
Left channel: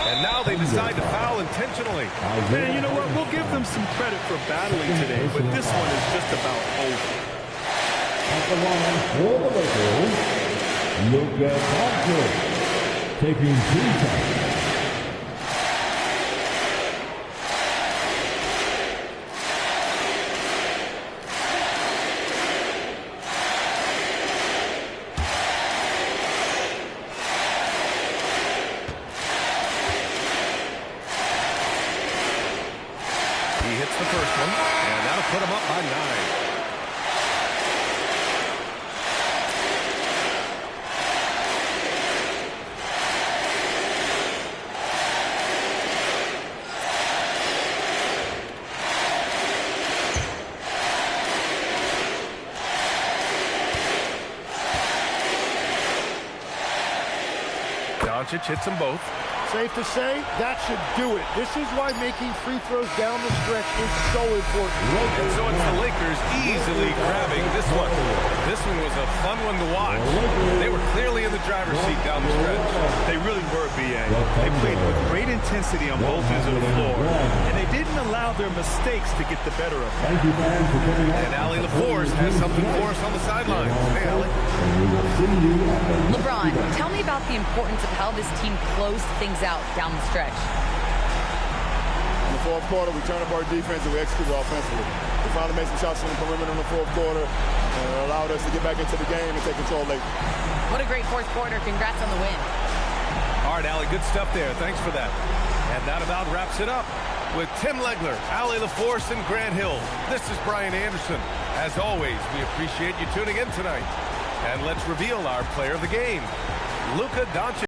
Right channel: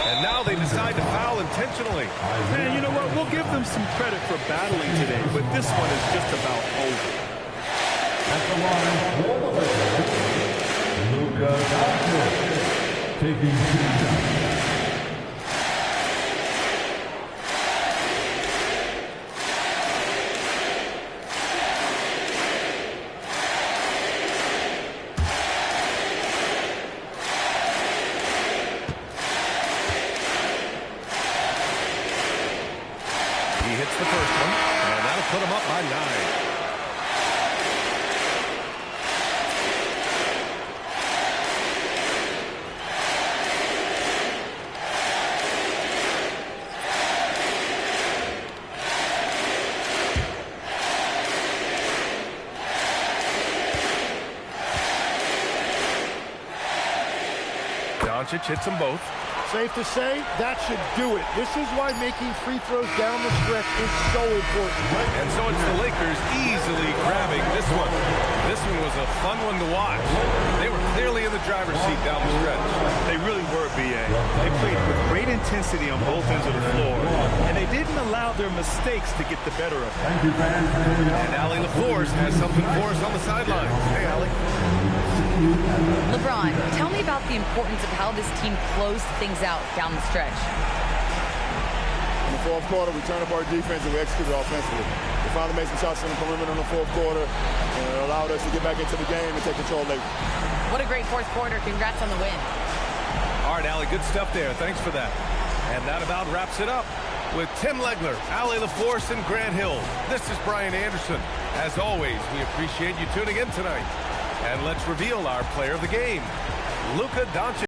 And now they decide to foul intentionally. Man, you know what? We'll give them some credit for battling today, but this one is just about over. At the line for the Lakers, Luka Doncic taking 2 shots. He hits the first one, and that'll put him up by 9. Doncic hits them both. Safe to say, that should do it. This is why making free throws down the stretch is so important. And so it's the Lakers easily grabbing this one. This one was a fun one to watch. They were clearly in the driver's seat down the stretch. They really were, B.A. They played with great intensity on both ends of the floor, and they didn't allow their mistakes to get the better of them. Thank you, fans, for tuning in. And Allie LaForce has something for us on the sidelines. Hey, Allie. LeBron, tell me about the importance of how this team closed things out down the stretch. In the 4th quarter, we turned up our defense and we executed offensively. We finally made some shots from the perimeter in the 4th quarter, and it allowed us to get back into the game and take control late. What a great 4th quarter. Congrats on the win. All right, Allie, good stuff there. Thanks for that. And that about wraps it up. With Tim Legler, Allie LaForce, and Grant Hill, this is Brian Anderson. As always, we appreciate you tuning in tonight. And let's reveal our player of the game, Luka Doncic.